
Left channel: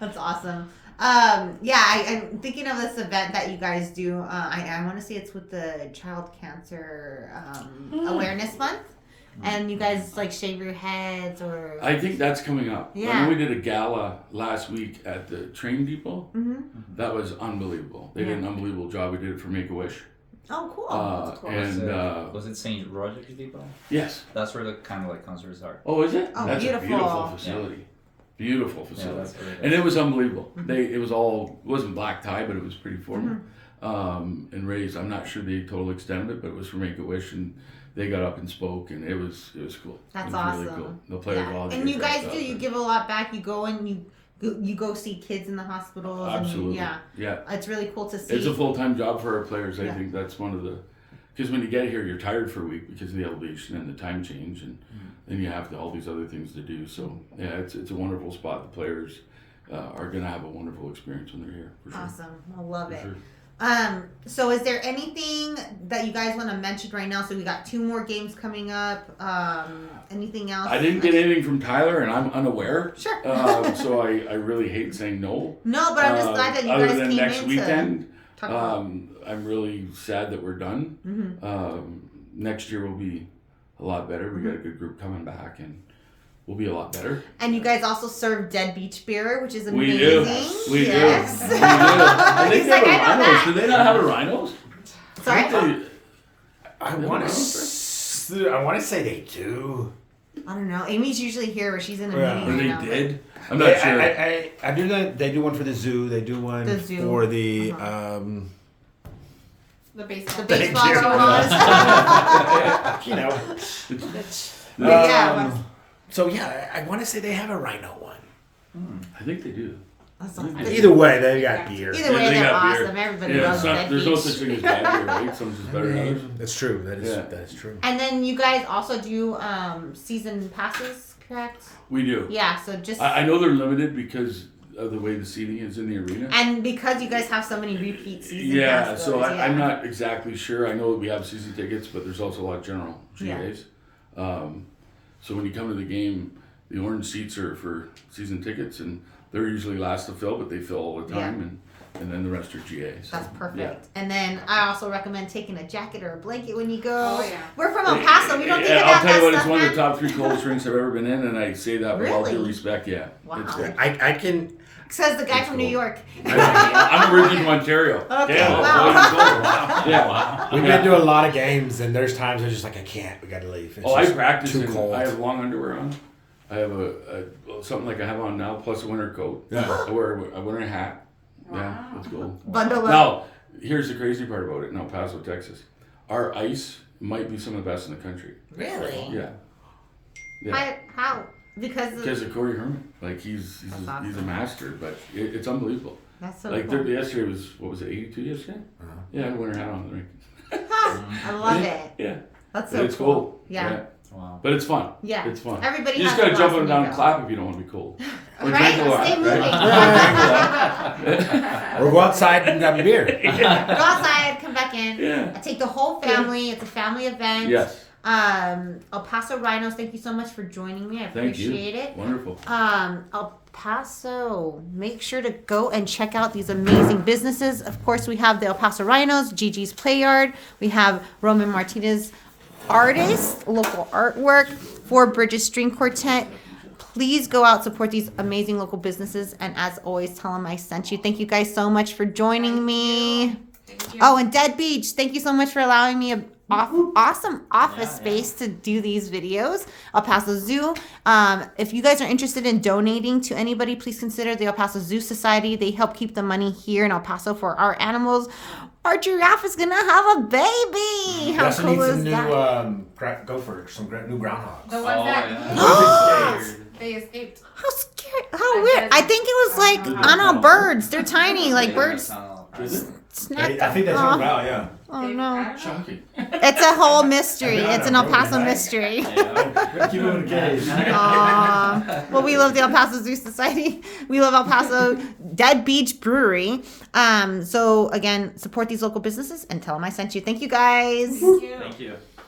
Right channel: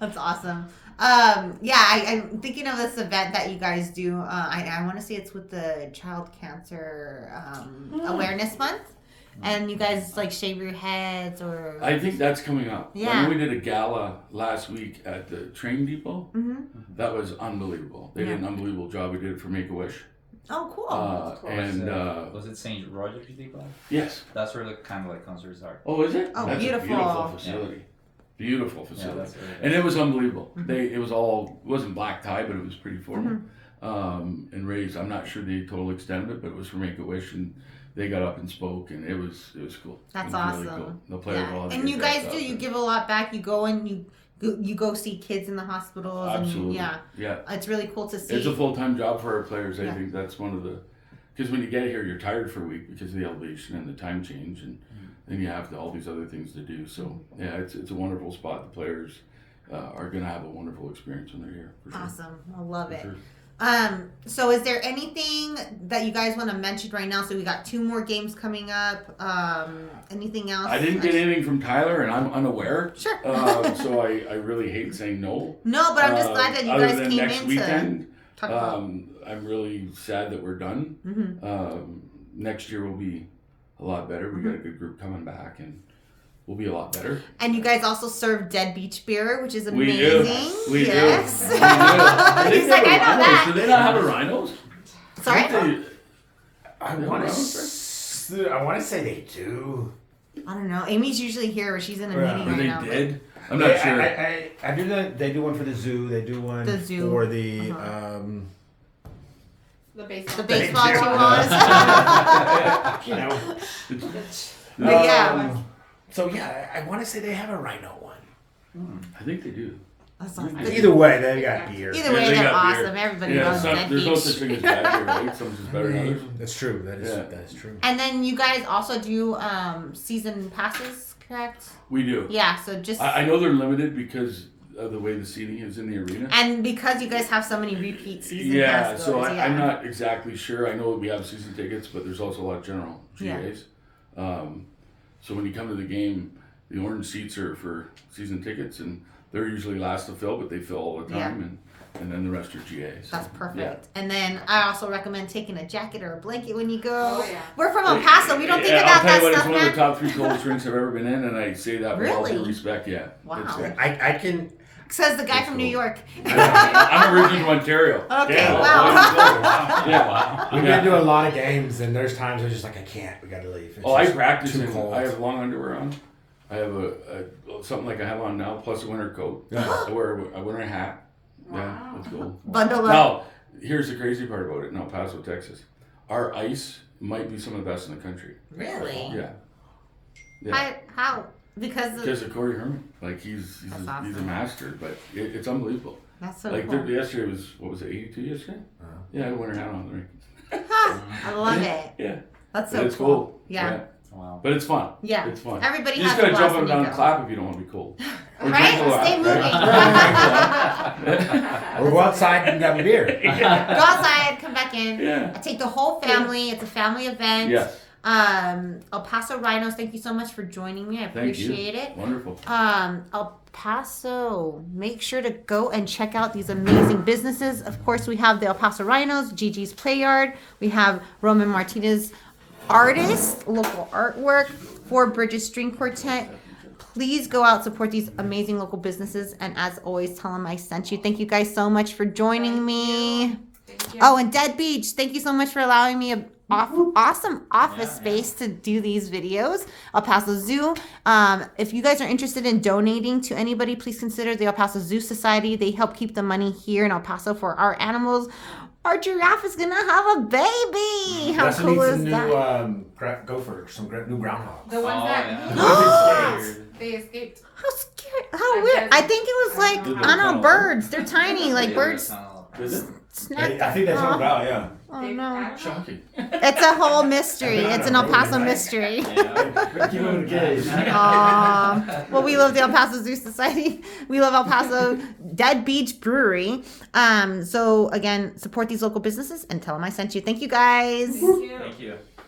That's awesome. I'm thinking of this event that you guys do. I want to say it's with the Child Cancer Awareness Month, and you guys like shave your heads or. I think that's coming up. Yeah. I know we did a gala last week at the train depot. Mhm. That was unbelievable. They did an unbelievable job. We did it for Make-A-Wish. Oh, cool. Was And it St. Roger's Depot? yes. That's where the Candlelight Concerts are. Oh, is it? Oh, That's beautiful. a beautiful facility. Beautiful Yeah, facility. that's where it And is. it was unbelievable. It wasn't black tie, but it was pretty formal. And raised, I'm not sure the total extent of it, but it was for Make-A-Wish, and they got up and spoke, and it was cool. That's it was awesome. really cool. The players all had to And get you guys dressed do. up You and- give a lot back. You go and you go see kids in the hospitals. Absolutely. And, Yeah. it's really cool to see. It's a full-time job for our players. I Yeah. think that's one of the, because when you get here, you're tired for a week because of the elevation and the time change, and then you have all these other things to do. So yeah, it's a wonderful spot. The players are going to have a wonderful experience when they're here. For sure. Awesome. I love For it. sure. So is there anything that you guys want to mention right now? So we got 2 more games coming up. Anything else? I didn't get anything from Tyler, and I'm unaware. Sure. So I really hate saying no. No, but I'm just glad that you other guys than came next in weekend, to talk about. I'm really sad that we're done. Mm-hmm. Next year will be a lot better. We got a good group coming back, and we'll be a lot better. And you guys also serve Dead Beach beer, which is We amazing. do. We yes. do. We do. I think He's they like, have I know rhinos. that. Do they not have a rhinos? Sorry? I think I They want have to say they do. I don't know. Amy's usually here. She's in a Yeah. meeting or right they now. did. I'm not sure. I do that. They do one for the zoo. They do one The zoo. for the. The baseball. The baseball Thank you. Chihuahuas. You know. Yeah. So yeah, I want to say they have a rhino one. I think they do. That sounds good. Either way, they got gear. Either Yeah, way, they they're got beer. awesome. Everybody Yeah, loves Dead there's no Beach. such thing as bad beer, right? Some's just better than others. That's true. That is Yeah. that is true. And then you guys also do season passes, correct? We do. Yeah, so just I know they're limited because of the way the seating is in the arena. and because you guys have so many repeat season Yeah, pass so goes, I'm not exactly sure. I know we have season tickets, but there's also a lot of general Yeah. GAs. So when you come to the game, the orange seats are for season tickets, and they're usually last to fill, but they fill all the time, and then the rest are GAs. So, That's perfect. Yeah. And then I also recommend taking a jacket or a blanket when you go. Oh, yeah. We're from El Paso. We don't think Yeah, about I'll tell you that what, it's stuff, one of man. the top 3 coldest drinks I've ever been in, and I say that with all due Really? respect. Yeah, Wow. it's good. I can. Says the guy It's from New cool. York. I'm originally from Ontario. Okay, Yeah, that's wow. why you go. Yeah. Wow. We've Yeah. been to a lot of games, and there's times I'm just like, I can't. We got to leave. It's Oh, I just practice too in. cold. I have long underwear on. I have a something like I have on now, plus a winter coat. Yeah. I wear a winter hat. Yeah, Wow. that's cool. Bundle up. Now, here's the crazy part about it in El Paso, Texas. Our ice might be some of the best in the country. Really? Yeah. Yeah. How? Because Because of Corey Herman. Like, he's That's a awesome. master, but it's unbelievable. that's so Like, cool. yesterday was, what was it, 82 yesterday? Uh-huh. Yeah, I had a winter hat on the rink. I love it. Yeah. That's But so it's cool. Yeah. Wow. But it's fun. Yeah. It's fun. Everybody You just has a gotta jump blast up and when down they and go. clap if you don't want to be cold. Or Right? drink a lot. Stay moving. right? Or go outside and have a beer. Go outside, come back in. Yeah. I take the whole family. It's a family event. Yes. El Paso Rhinos, thank you so much for joining me. I Thank you. appreciate it. Wonderful. El Paso, make sure to go and check out these amazing businesses. Of course, we have the El Paso Rhinos, Gigi's PlayYard. We have Roman Martinez Artist, local artwork, Four Bridges String Quartet. Please go out, support these amazing local businesses. And as always, tell them I sent you. Thank you guys so much for joining me. Thank you. Oh, and Dead Beach, thank you so much for allowing me a awesome office space to do these videos. El Paso Zoo. If you guys are interested in donating to anybody, please consider the El Paso Zoo Society. They help keep the money here in El Paso for our animals. Our giraffe is gonna have a baby. How Also cool need is some that? new gophers, some new groundhogs. The ones that yeah. they escaped. How scary! How weird! I think it was like I don't know, birds. They're tiny, like birds. Snack. I think that's Oh, out, yeah. oh no! Shocking. It's a whole mystery. It's an El Paso mystery. Keep them in a cage. Well, we love the El Paso Zoo Society. We love El Paso Dead Beach Brewery. So again, support these local businesses and tell them I sent you. Thank you guys. Thank you. Thank you.